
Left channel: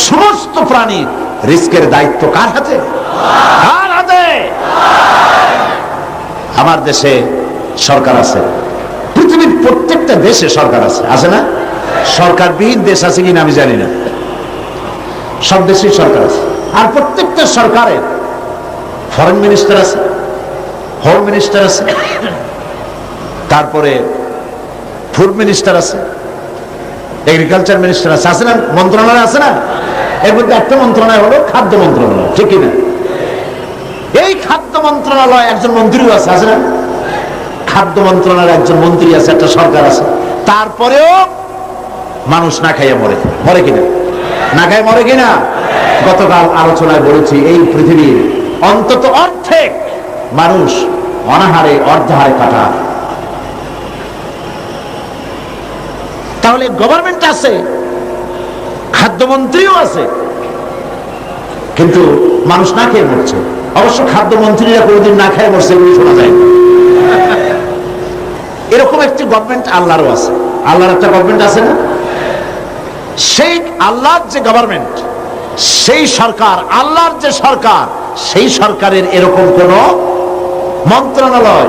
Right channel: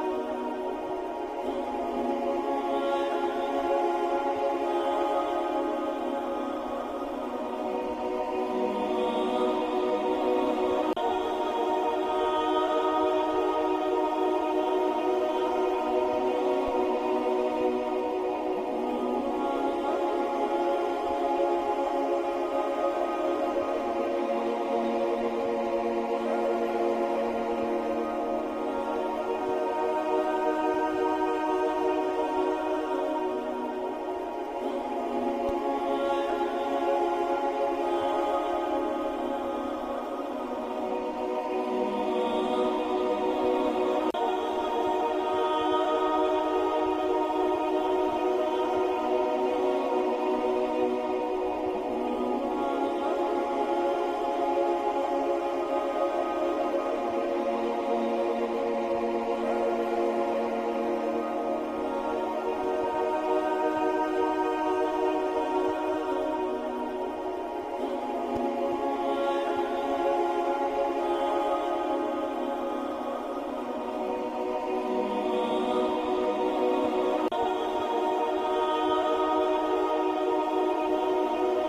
সমস্ত প্রাণীর রিস্কের দায়িত্ব কার হাতে? কার হাতে? আমার দেশে সরকার আছে, পৃথিবীর প্রত্যেকটা দেশে সরকার আছে, আছে না? সরকারবিহীন দেশ আছে কিনা আমি জানি না, সব দেশেই সরকার আছে। আর প্রত্যেকটা সরকারের ফরেন মিনিস্টার আছে, হোম মিনিস্টার আছে, তারপরে ফুড মিনিস্টার আছে, এগ্রিকালচার মিনিস্টার আছে, আছে না? মন্ত্রণালয় আছে না? এর মধ্যে একটা মন্ত্রণালয় হলো খাদ্য মন্ত্রণালয়, ঠিক কিনা? এই খাদ্য মন্ত্রণালয় একজন মন্ত্রীও আছে, আছে না? খাদ্য মন্ত্রণালয়ের একজন মন্ত্রী আছে, একটা সরকার আছে। তারপরেও মানুষ না খাইয়ে মরে, মরে কিনা? না খায় মরে কিনা? গতকাল আলোচনায় বলেছি, এই পৃথিবীর অন্তত অর্ধেক মানুষ অনাহারে অর্ধাহারে কাটা। তাহলে গভর্নমেন্ট আছে, খাদ্যমন্ত্রীও আছে, কিন্তু মানুষ না খেয়ে মরছে। অবশ্য খাদ্যমন্ত্রীরা কোনোদিন না খেয়ে মরছে বলে শোনা যায় না। এরকম একটি গভর্নমেন্ট আল্লাহরও আছে। আল্লাহর একটা গভর্নমেন্ট আছে না? সেই আল্লাহর যে গভর্নমেন্ট, সেই সরকার, আল্লাহর যে সরকার, সেই সরকারের এরকম কোন মন্ত্রণালয়,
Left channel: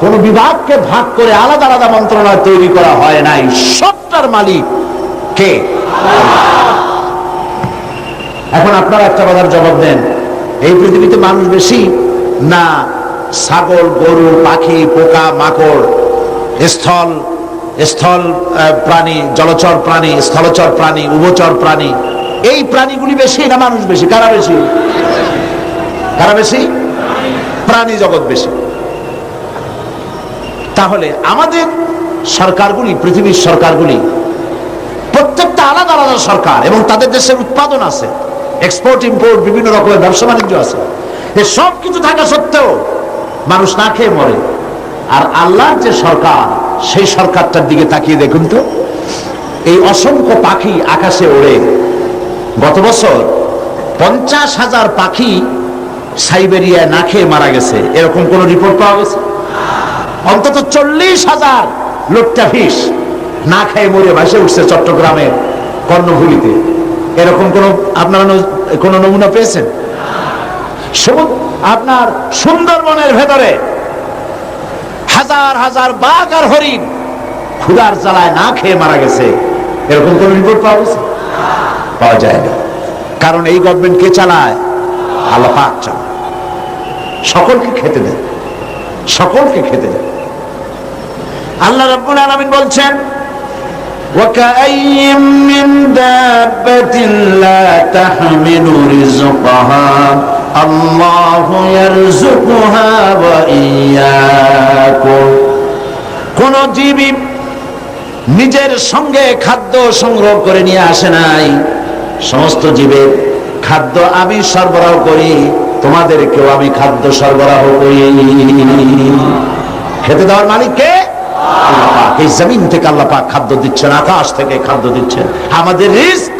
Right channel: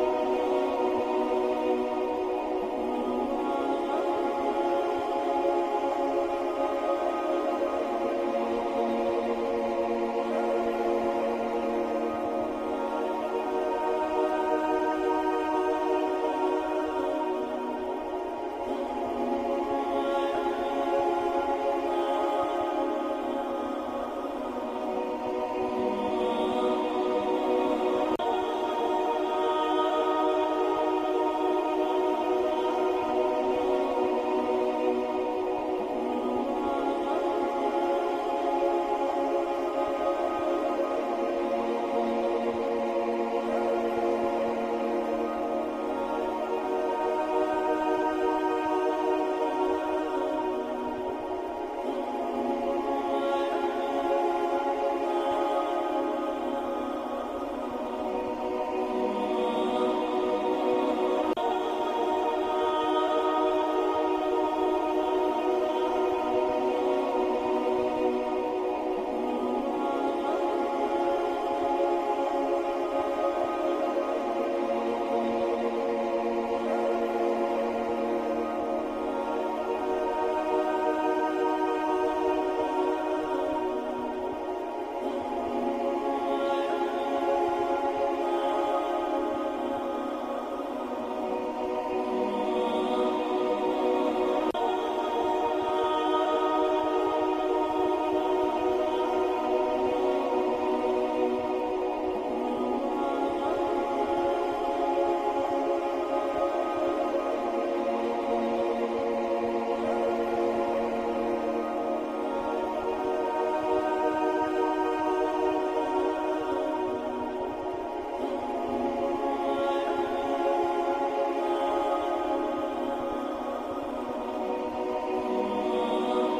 কোন বিভাগকে ভাগ করে আলাদা আলাদা মন্ত্রণালয় তৈরি করা হয় নাই। সবটার মালিক কে? এখন আপনারা একটা কথার জবাব দেন, এই পৃথিবীতে মানুষ বেশি না ছাগল, গরু, পাখি, পোকা, মাকড়, স্থল স্থল প্রাণী, জলচর প্রাণী, স্থলচর প্রাণী, উভচর প্রাণী, এই প্রাণীগুলি বেশি না মানুষ বেশি? কারা বেশি? কারা বেশি? প্রাণী জগৎ বেশি। তাহলে আমাদের সরকারগুলি, পৃথিবীর সরকারগুলি প্রত্যেকটা আলাদা আলাদা সরকার, এবং তাদের দেশের উৎপাদন আছে, এক্সপোর্ট ইম্পোর্ট, বিভিন্ন রকমের ব্যবসা বাণিজ্য আছে। এই সব কিছু থাকা সত্ত্বেও মানুষ না খেয়ে মরে। আর আল্লাহর যে সরকার, সেই সরকারটার দিকে তাকিয়ে দেখুন তো, এই অসংখ্য পাখি আকাশে ওড়ে। গত বছর 50,000 পাখি সাইবেরিয়ায় না খেয়ে মারা গেছে, এরকম কোন রিপোর্ট পাওয়া গেছে? অন্তত 40,000 লোট্টাফিশ না খেয়ে মরে ভাসে উঠছে চট্টগ্রামের কর্ণফুলীতে। এরকম কোন আপনারা কোন নমুনা পেয়েছেন? আপনার সুন্দরবনের ভেতরে হাজার হাজার বাঘ আর হরিণ ক্ষুধার জ্বালায় না খেয়ে মারা গেছে, এরকম কোন রিপোর্ট পাওয়া গেছে? পাওয়া যায় না। কারণ এই গভর্নমেন্ট কে চালায়? আল্লাহ পাক চালায়। সকলকে খেতে দেন, সকলকে খেতে দেন। আল্লাহ রাব্বুল আলামিন বলছেন, وَكَأَيٍّ مِّن دَابَّةٍ لَّا تَحْمِلُ رِزْقَهَا اللَّهُ يَرْزُقُهَا وَإِيَّاكُمْ। কোন জীবই নিজের সঙ্গে খাদ্য সংগ্রহ করে নিয়ে আসে নাই। সমস্ত জীবের খাদ্য আমি সরবরাহ করি, তোমাদেরকেও আমি খাদ্য সরবরাহ করি। খেতে দেওয়ার মালিক কে? আল্লাহ পাক। এই জমিন থেকে আল্লাহ পাক খাদ্য দিচ্ছেন, আকাশ থেকে খাদ্য দিচ্ছেন। আমাদের রিস্ক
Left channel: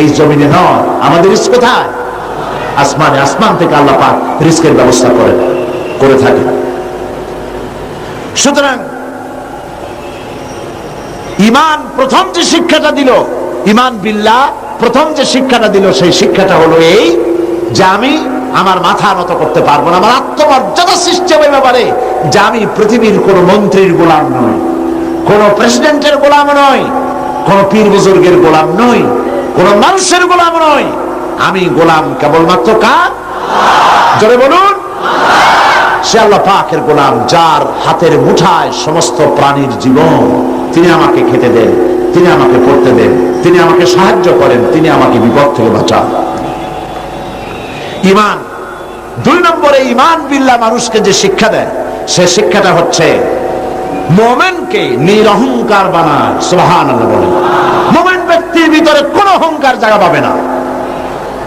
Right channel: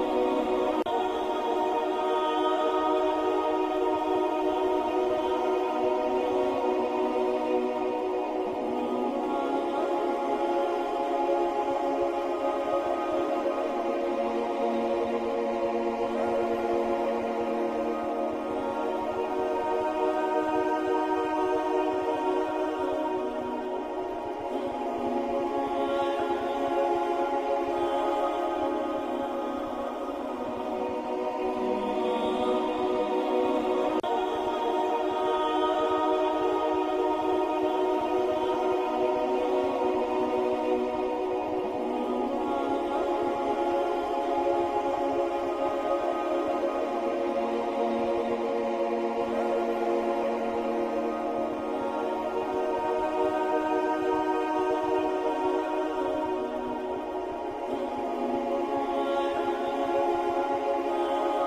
এই জমিনে নয়, আমাদের রিস্ক কোথায়? আসমানে। আসমান থেকে আল্লাহ পাক রিস্কের ব্যবস্থা করে থাকেন। সুতরাং ঈমান প্রথম যে শিক্ষাটা দিল, ঈমান বিল্লাহ প্রথম যে শিক্ষাটা দিল, সেই শিক্ষাটা হলো এই যে আমি আমার মাথা নত করতে পারবো না। আমার আত্মমর্যাদা সৃষ্টি হবে ব্যাপারে যে আমি পৃথিবীর কোন মন্ত্রীর গোলাম নই, কোন প্রেসিডেন্টের গোলাম নই, কোন পীর বুজুর্গের গোলাম নই, কোন মানুষের গোলাম নই। আমি গোলাম কেবলমাত্র কার? জোরে বলুন। সে আল্লাহ পাকের গোলাম, যার হাতের মুঠায় সমস্ত প্রাণীর জীবন। তিনি আমাকে খেতে দেন, তিনি আমাকে পড়তে দেন, তিনি আমাকে সাহায্য করেন, তিনি আমাকে বিপদ থেকে বাঁচান। ঈমান। 2 নম্বরে ঈমান বিল্লাহ মানুষকে যে শিক্ষা দেয়, সে শিক্ষাটা হচ্ছে মুমিনকে নিরহংকার বানায়। সুবহানাল্লাহ বলেন। মুমিন ব্যক্তির ভিতরে কোনো অহংকার জায়গা পাবে না।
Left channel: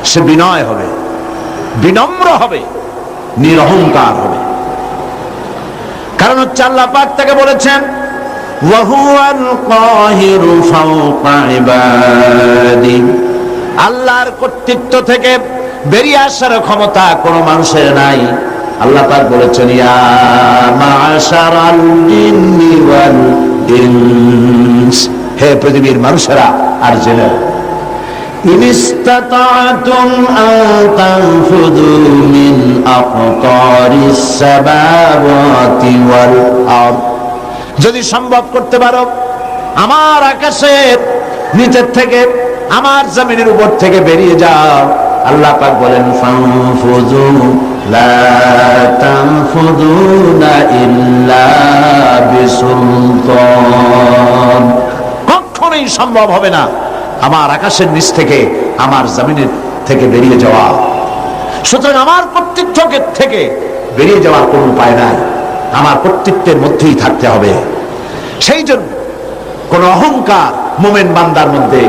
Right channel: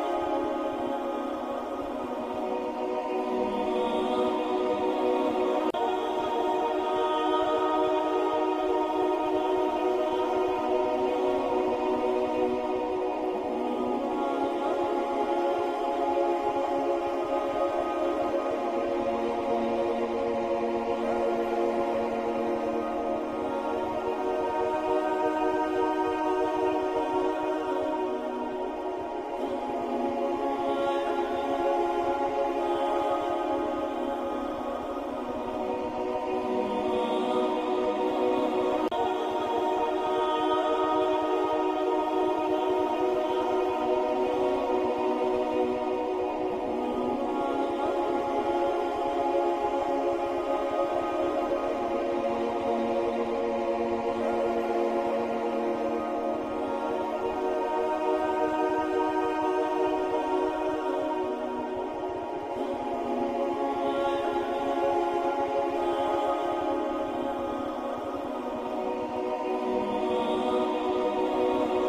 সে বিনয় হবে, বিনম্র হবে, নিরহংকার হবে। কারণ হচ্ছে আল্লাহ পাক তাকে বলেছেন ওয়াহুয়াল কাহিরু ফাওকা ইবাদি, আল্লাহর কর্তৃত্ব থেকে বেরিয়ে আসার ক্ষমতা কোনো মানুষের নাই। আল্লাহ পাক বলেছেন ইয়া মাশারাল জিন্নি ওয়াল ইনস, হে পৃথিবীর মানুষেরা আর জিনেরা, ইন ইসতাতা'তুম আন তানফুযু মিন আকতারিস সামাওয়াতি ওয়াল আরদ, যদি সম্ভব করতে পারো আমার আকাশের নিচের থেকে, আমার জমিনের উপর থেকে বেরিয়ে যাও। আল্লাহ পাক বলেন ফানফুযু লা তানফুযুনা ইল্লা বিসুলতান, কখনোই সম্ভব হবে না আমার আকাশের নিচ থেকে, আমার জমিনের থেকে বেরিয়ে যাওয়া। সুতরাং আমার কর্তৃত্ব থেকে বেরিয়ে যাওয়ার কোনো উপায় নাই, আমার কর্তৃত্বের মধ্যেই থাকতে হবে। সেই জন্য কোন অহংকার মুমিন বান্দার মধ্যে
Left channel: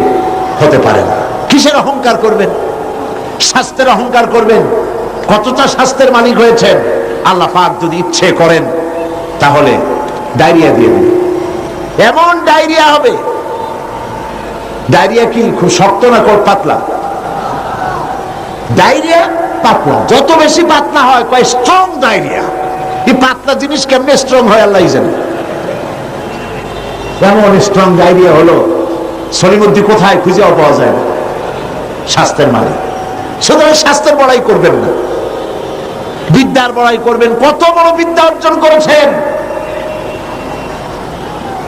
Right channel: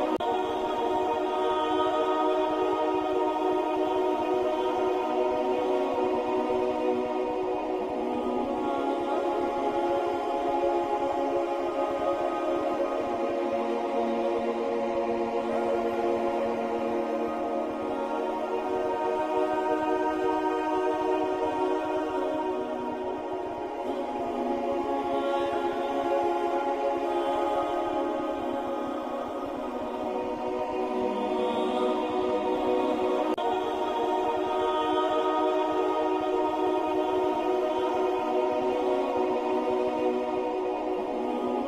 হতে পারে না। কিসের অহংকার করবেন? স্বাস্থ্যের অহংকার করবেন। কতটা স্বাস্থ্যের মালিক হয়েছেন, আল্লাহ পাক যদি ইচ্ছে করেন তাহলে ডায়রিয়া দিয়ে দিন, এমন ডায়রিয়া হবে। ডায়রিয়া কি খুব শক্ত না পাতলা? ডায়রিয়া পাতলা, যত বেশি পাতলা হয় কয় স্ট্রং ডায়রিয়া। এই পাতলা জিনিস কেমনে স্ট্রং হয় আল্লাহ জানে। এমন স্ট্রং ডায়রিয়া হলো সলিমুদ্দি কোথায় খুঁজেও পাওয়া যায় না। স্বাস্থ্যের মালিক। সুতরাং স্বাস্থ্যের বড়াই করবেন না, বিদ্যার বড়াই করবেন। কত বড় বিদ্যা অর্জন করেছেন,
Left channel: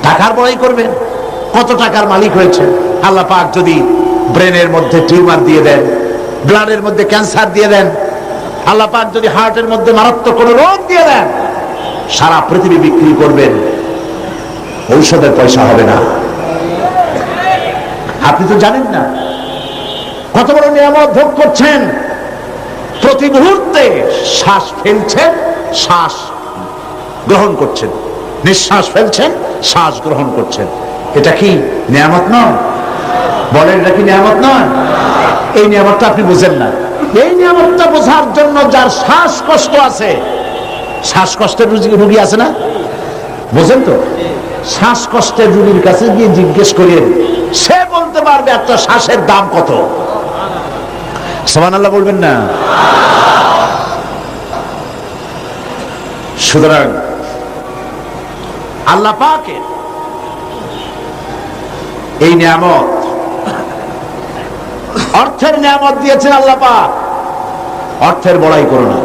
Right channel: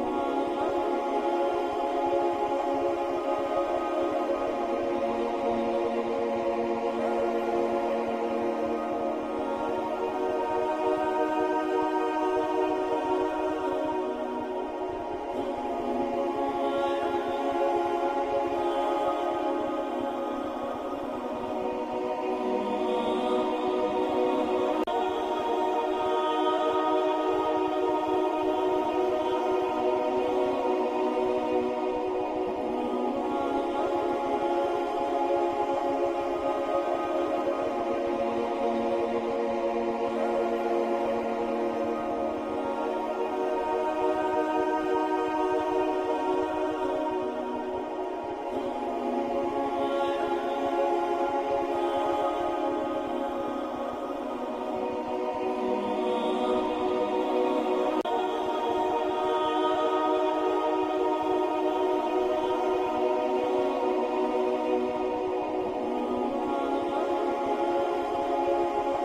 টাকার বড়াই করবেন। কত টাকার মালিক হয়েছে। আল্লাহ পাক যদি ব্রেনের মধ্যে টিউমার দিয়ে দেন, ব্লাডের মধ্যে ক্যান্সার দিয়ে দেন, আল্লাহ পাক যদি হার্টের মধ্যে মারাত্মক কোনো রোগ দিয়ে দেন, সারা পৃথিবী বিক্রি করবেন, ঔষধের পয়সা হবে না। আপনি তো জানেন না কত বড় নিয়ামত ভোগ করছেন। প্রতি মুহূর্তে শ্বাস ফেলছেন, শ্বাস গ্রহণ করছেন, নিঃশ্বাস ফেলছেন, শ্বাস গ্রহণ করছেন। এটা কি নিয়ামত নয়? বলেন, এটা কি নিয়ামত নয়? এই নিয়ামতটা আপনি বুঝেন না। এই নিয়ামতটা বোঝার জন্য যার শ্বাসকষ্ট আছে, শ্বাসকষ্টের রোগী আছে না, বোঝেন তো? শ্বাসকষ্টের রোগীর কাছে গিয়ে জিজ্ঞেস করেন, সে বলতে পারবে একটা শ্বাসের দাম কত। সুবহানাল্লাহ বলবেন না? সুতরাং আল্লাহ পাকের এই নিয়ামত, অর্থের নিয়ামত দিয়েছেন আল্লাহ পাক। অর্থের বড়াই করো না,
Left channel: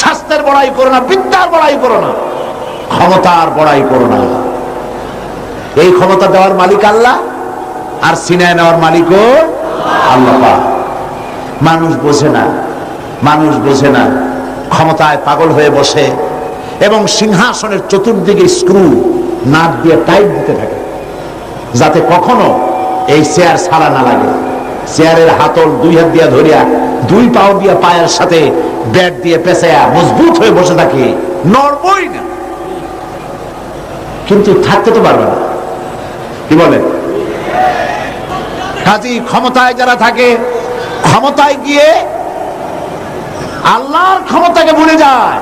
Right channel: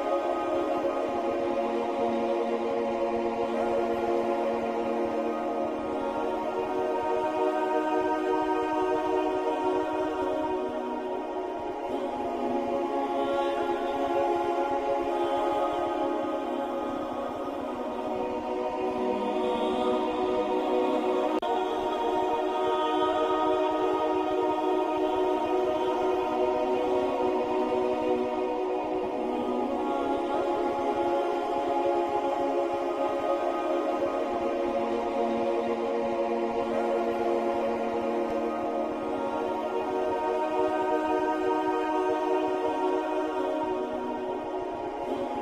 স্বাস্থ্যের বড়াই করো না, বিদ্যার বড়াই করো না, ক্ষমতার বড়াই করো না। এই ক্ষমতা দেওয়ার মালিক আল্লাহ, আর সিনায় নেওয়ার মালিকও আল্লাহ পাক। মানুষ বোঝে না, মানুষ বোঝে না, ক্ষমতায় পাগল হয়ে বসে এবং সিংহাসনের চতুর্দিকে স্ক্রু নাক দিয়ে টাইট দিতে থাকে, যাতে কখনো এই চেয়ার ছাড়া না লাগে। চেয়ারের হাতল দুই হাত দিয়া ধরিয়া, দুই পাও দিয়া পায়ের সাথে ব্যাট দিয়ে পেঁচায়া মজবুত হয়ে বসে থাকে, নড়বই না। কিন্তু থাকতে তো পারবে না, কি বলে? কাজী ক্ষমতায় যারা থাকে, ক্ষমতায় গিয়ে আল্লাহর ক্ষমতাকে ভুলে যায়,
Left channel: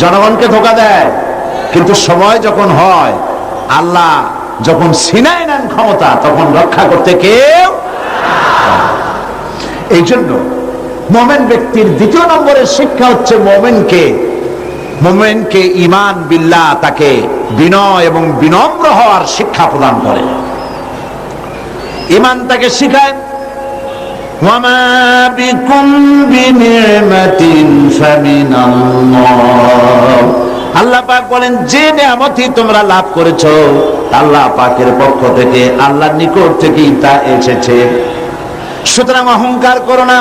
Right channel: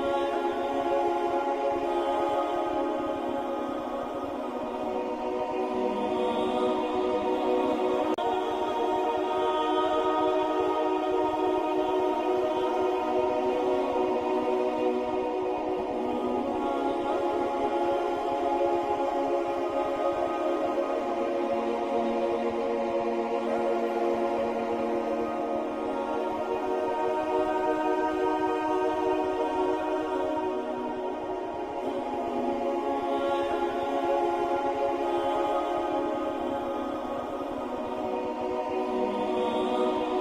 জনগণকে ধোঁকা দেয়। কিন্তু সময় যখন হয়, আল্লাহ যখন সিনায় নেন ক্ষমতা, তখন রক্ষা করতে কেউ। এই জন্য মোমেন ব্যক্তির দ্বিতীয় নম্বরের শিক্ষা হচ্ছে মোমেনকে ঈমান বিল্লাহ, তাকে বিনয় এবং বিনম্র হওয়ার শিক্ষা প্রদান করে। ঈমান তাকে শিখায় ওয়ামা বিকুম বিনিমাতিন ফামিনাল্লাহ। আল্লাহ পাক বলেন, যে নিয়ামতই তোমরা লাভ করেছো আল্লাহ পাকের পক্ষ থেকে, আল্লাহর নিকট থেকেই তা এসেছে। সুতরাং অহংকার করো না,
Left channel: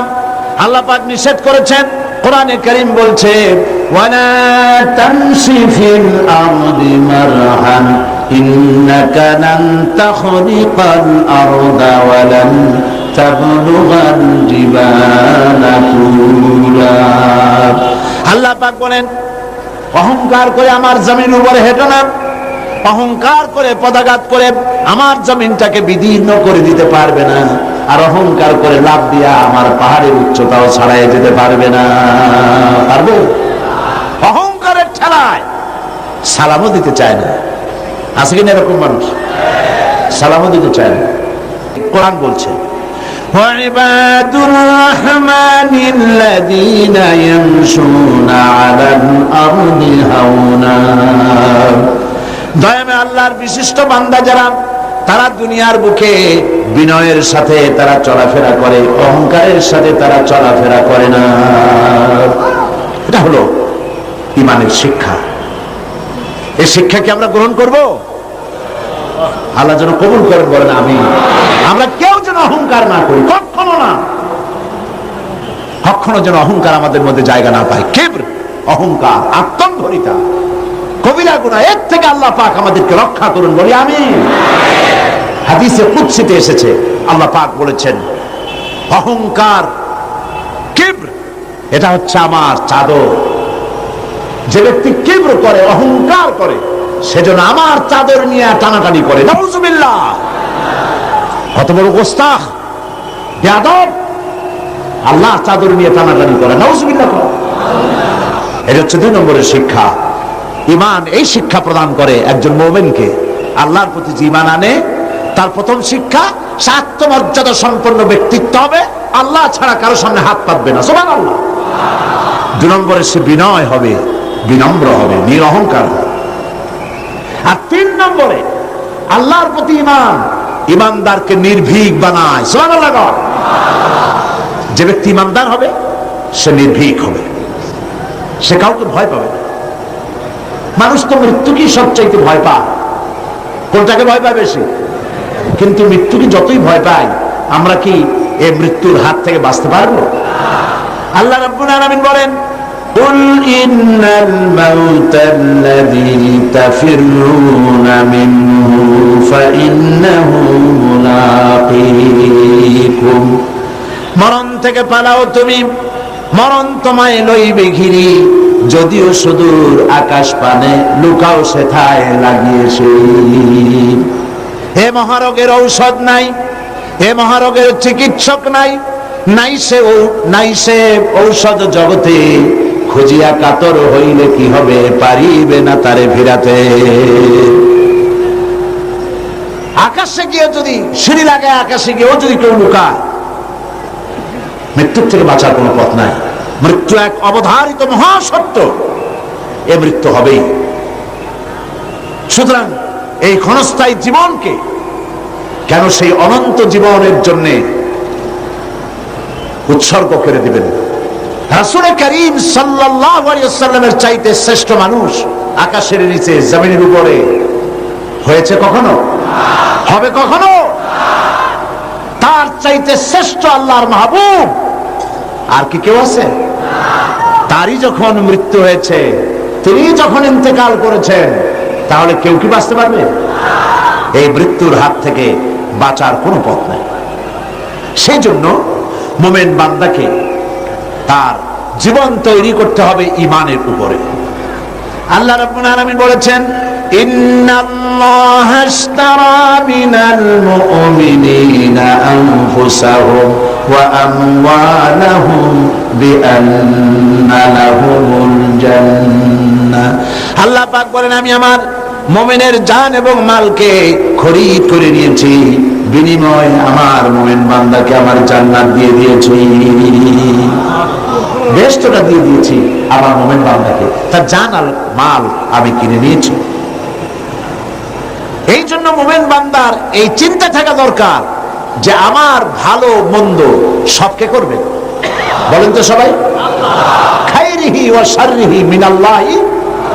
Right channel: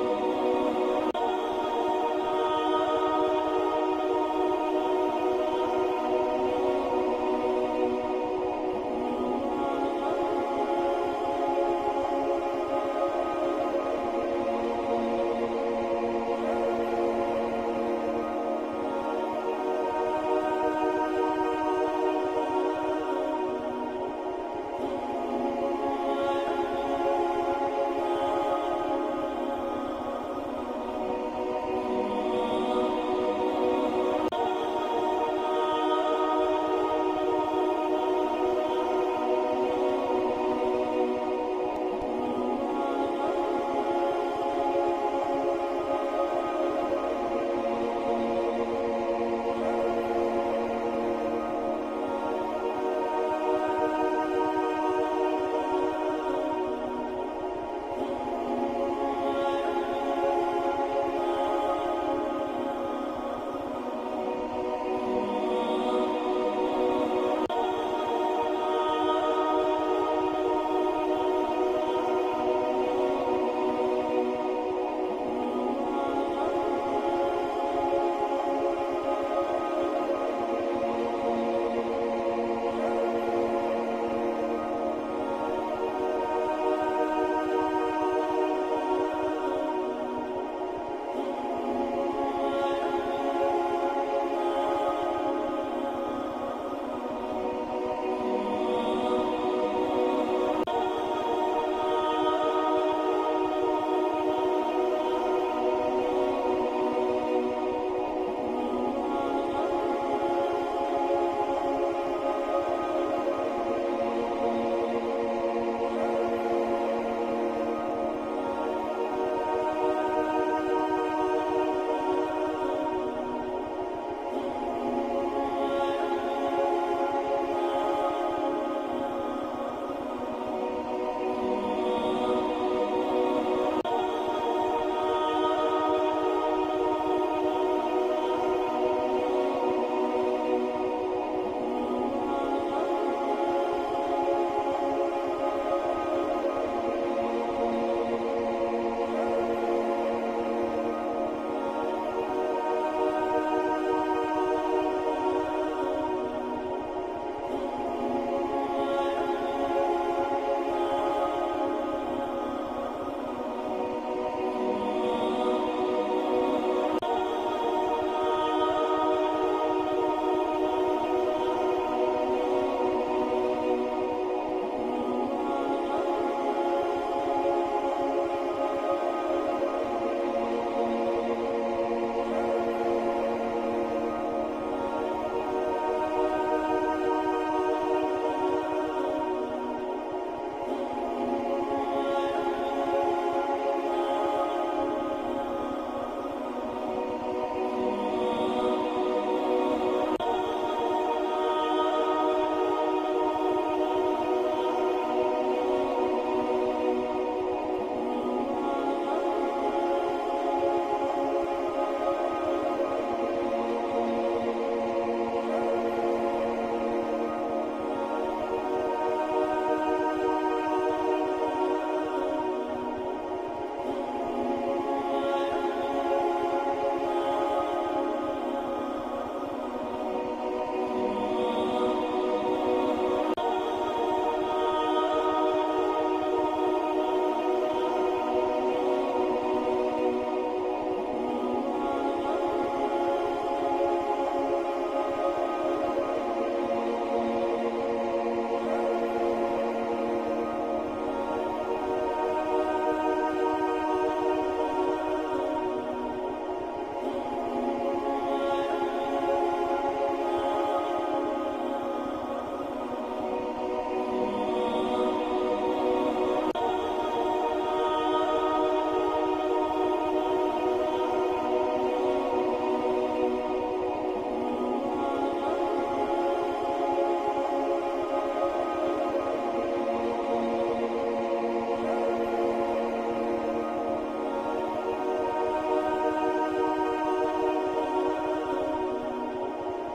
আল্লাহ পাক নিষেধ করেছেন। কোরআনে কারীম বলছে ওয়ালা তামশি ফিল আরদি মারহান ইন্নাকা লান তাখরিকাল আরদা ওয়া লান তাবলুগাল জিবালা তুলা। আল্লাহ পাক বলেন, অহংকার করে আমার জমিন উপরে হেঁটো না, অহংকার করে পদাঘাত করে আমার জমিনটাকে বিদীর্ণ করে দিতে পারবে না। আর অহংকার করে লাভ দিয়া আমার পাহাড়ের উচ্চতাও ছাড়াই যেতে পারবে না। পারবে? অহংকারের ঠেলায় সালামও দিতে চায় না। আছে কিনা এরকম মানুষ? সালামও দিতে চায় না। কোরআন বলছে وعباد الرحمن الذين يمشون على الأرض هونا। দয়াময় আল্লাহর বিশিষ্ট বান্দা যারা, তারা দুনিয়ার বুকে বিনয়ের সাথে তারা চলাফেরা করে, অহংকারের সাথে তারা চলাফেরা করে না। এটা হলো ঈমানের শিক্ষা। এই শিক্ষা কি আমরা গ্রহণ করব? আল্লাহ যেন কবুল করেন, বলেন আমিন। আমরা কেউ যেন অহংকার না করি, কখনো না, কখনো যেন অহংকার আমাদের মধ্যে জায়গা না পায়। কিবর, অহংকার, আত্মম্ভরিতা কবিরা গুনাহ, এর থেকে আল্লাহ পাক আমাদেরকে রক্ষা করুন, বলি আমিন। হাদিসে কুদসিতে এসেছে, আল্লাহ পাক বলেছেন অহংকার, কিবর, এটা হচ্ছে আমার চাদর। যে ব্যক্তি কিবর করে, অহংকার করে, সেজন্য আমার চাদর নিয়ে টানাটানি করে। নাউজুবিল্লাহ। কত বড় গোস্তাখ, বেয়াদব, আল্লাহ চাদর নিয়ে টানাটানি করে। নাউজুবিল্লাহ। এটা হচ্ছে 2 নম্বরের শিক্ষা। ঈমান এই শিক্ষা প্রদান করে একজন মুমিনকে। আল্লাহর প্রতি যে ঈমান আনে, তার প্রথম শিক্ষা সে আত্মমর্যাদা সম্পন্ন ব্যক্তিত্ব হবে, আল্লাহ ছাড়া কারো সামনে হাত পাতবে না। সুবহানাল্লাহ। 2 নম্বরে সে বিনয় হবে, বিনম্র হবে, নিরহংকার হবে। আর 3 নম্বরে আল্লাহর প্রতি ঈমান ঈমানদারকে নির্ভীক বানায়। সুবহানাল্লাহ। যে ব্যক্তি ঈমানদার হবে সে নির্ভীক হবে, সে কাউকে ভয় পাবে না। মানুষ তো মৃত্যুকেই সবচাইতে ভয় পায়। কোনটাকে ভয় পায় বেশি? কিন্তু মৃত্যুকে যতই ভয় পাই, আমরা কি এই মৃত্যুর হাত থেকে বাঁচতে পারবো? আল্লাহ রাব্বুল আলামিন বলেন কুল ইন্নাল মাউতাল্লাযী তাফিরুনা মিনহু ফাইন্নাহু মুলাকীকুম। মরণ থেকে পালাও তুমি, মরণ তোমায় লইবে ঘিরি, যদিও সুদূর আকাশ পানে, লুকাও সেথায় লাগিয়েছে। হে মহারোগের ঔষধ নাই, হে মহারোগের চিকিৎসক নাই, নাই সে ঔষধ জগতে, খুঁজিয়া কাতর হইলে কি হবে, পারিবে না তারে ফিরাতে। আকাশে গিয়ে যদি সিঁড়ি লাগায়, আকাশে গিয়েও যদি কেউ লুকায়, মৃত্যুর থেকে বাঁচার কোনো পথ নাই। মৃত্যু এক অবধারিত মহাসত্য, এ মৃত্যু হবেই। সুতরাং এই ক্ষণস্থায়ী জীবনকে কেন সেই অনন্ত জীবনের জন্য উৎসর্গ করে দিবেন? রাসূল করিম সাল্লাল্লাহু আলাইহি ওয়াসাল্লামের চাইতে শ্রেষ্ঠ মানুষ আকাশের নিচে, জমিনের উপরে হয়েছে কখনো? হবে কখনো? তার চাইতে শ্রেষ্ঠ আল্লাহর মাহবুব আর কি কেউ আছে? তারই যখন মৃত্যু হয়েছে, তিনি যখন ইন্তেকাল করেছেন, তাহলে কেউ কি বাঁচতে পারবে? এই মৃত্যুর হাত থেকে বাঁচার কোনো পথ নাই। সেই জন্য মুমিন বান্দাকে তার জীবন তৈরি করতে হবে ঈমানের উপরে। আল্লাহ রাব্বুল আলামিন বলেছেন ইন্নাল্লাহা আশতারা মিনাল মুমিনিনা আনফুসাহুম ওয়া আমওয়ালাহুম বিআন্না লাহুমুল জান্নাহ। আল্লাহ পাক বলেন আমি আমার মুমিনের জান এবং মালকে খরিদ করে নিয়েছি, বিনিময়ে আমার মুমিন বান্দাকে আমার জান্নাত দিয়ে দিয়েছি, বেহেশতটা দিয়ে দিয়েছি আমার মুমিন বান্দাকে, তার জান আর মাল আমি কিনে নিয়েছি। এই জন্য মুমিন বান্দার এই চিন্তা থাকা দরকার যে আমার ভালো মন্দ সবকে করবে, বলেন তো সবাই, খাইরিহি ওয়া শাররিহি মিনাল্লাহি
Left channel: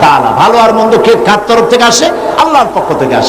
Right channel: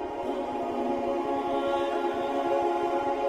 তাআলা। ভালো আর মন্দ কে কার তরফ থেকে আসে? আল্লাহর পক্ষ থেকে আসে।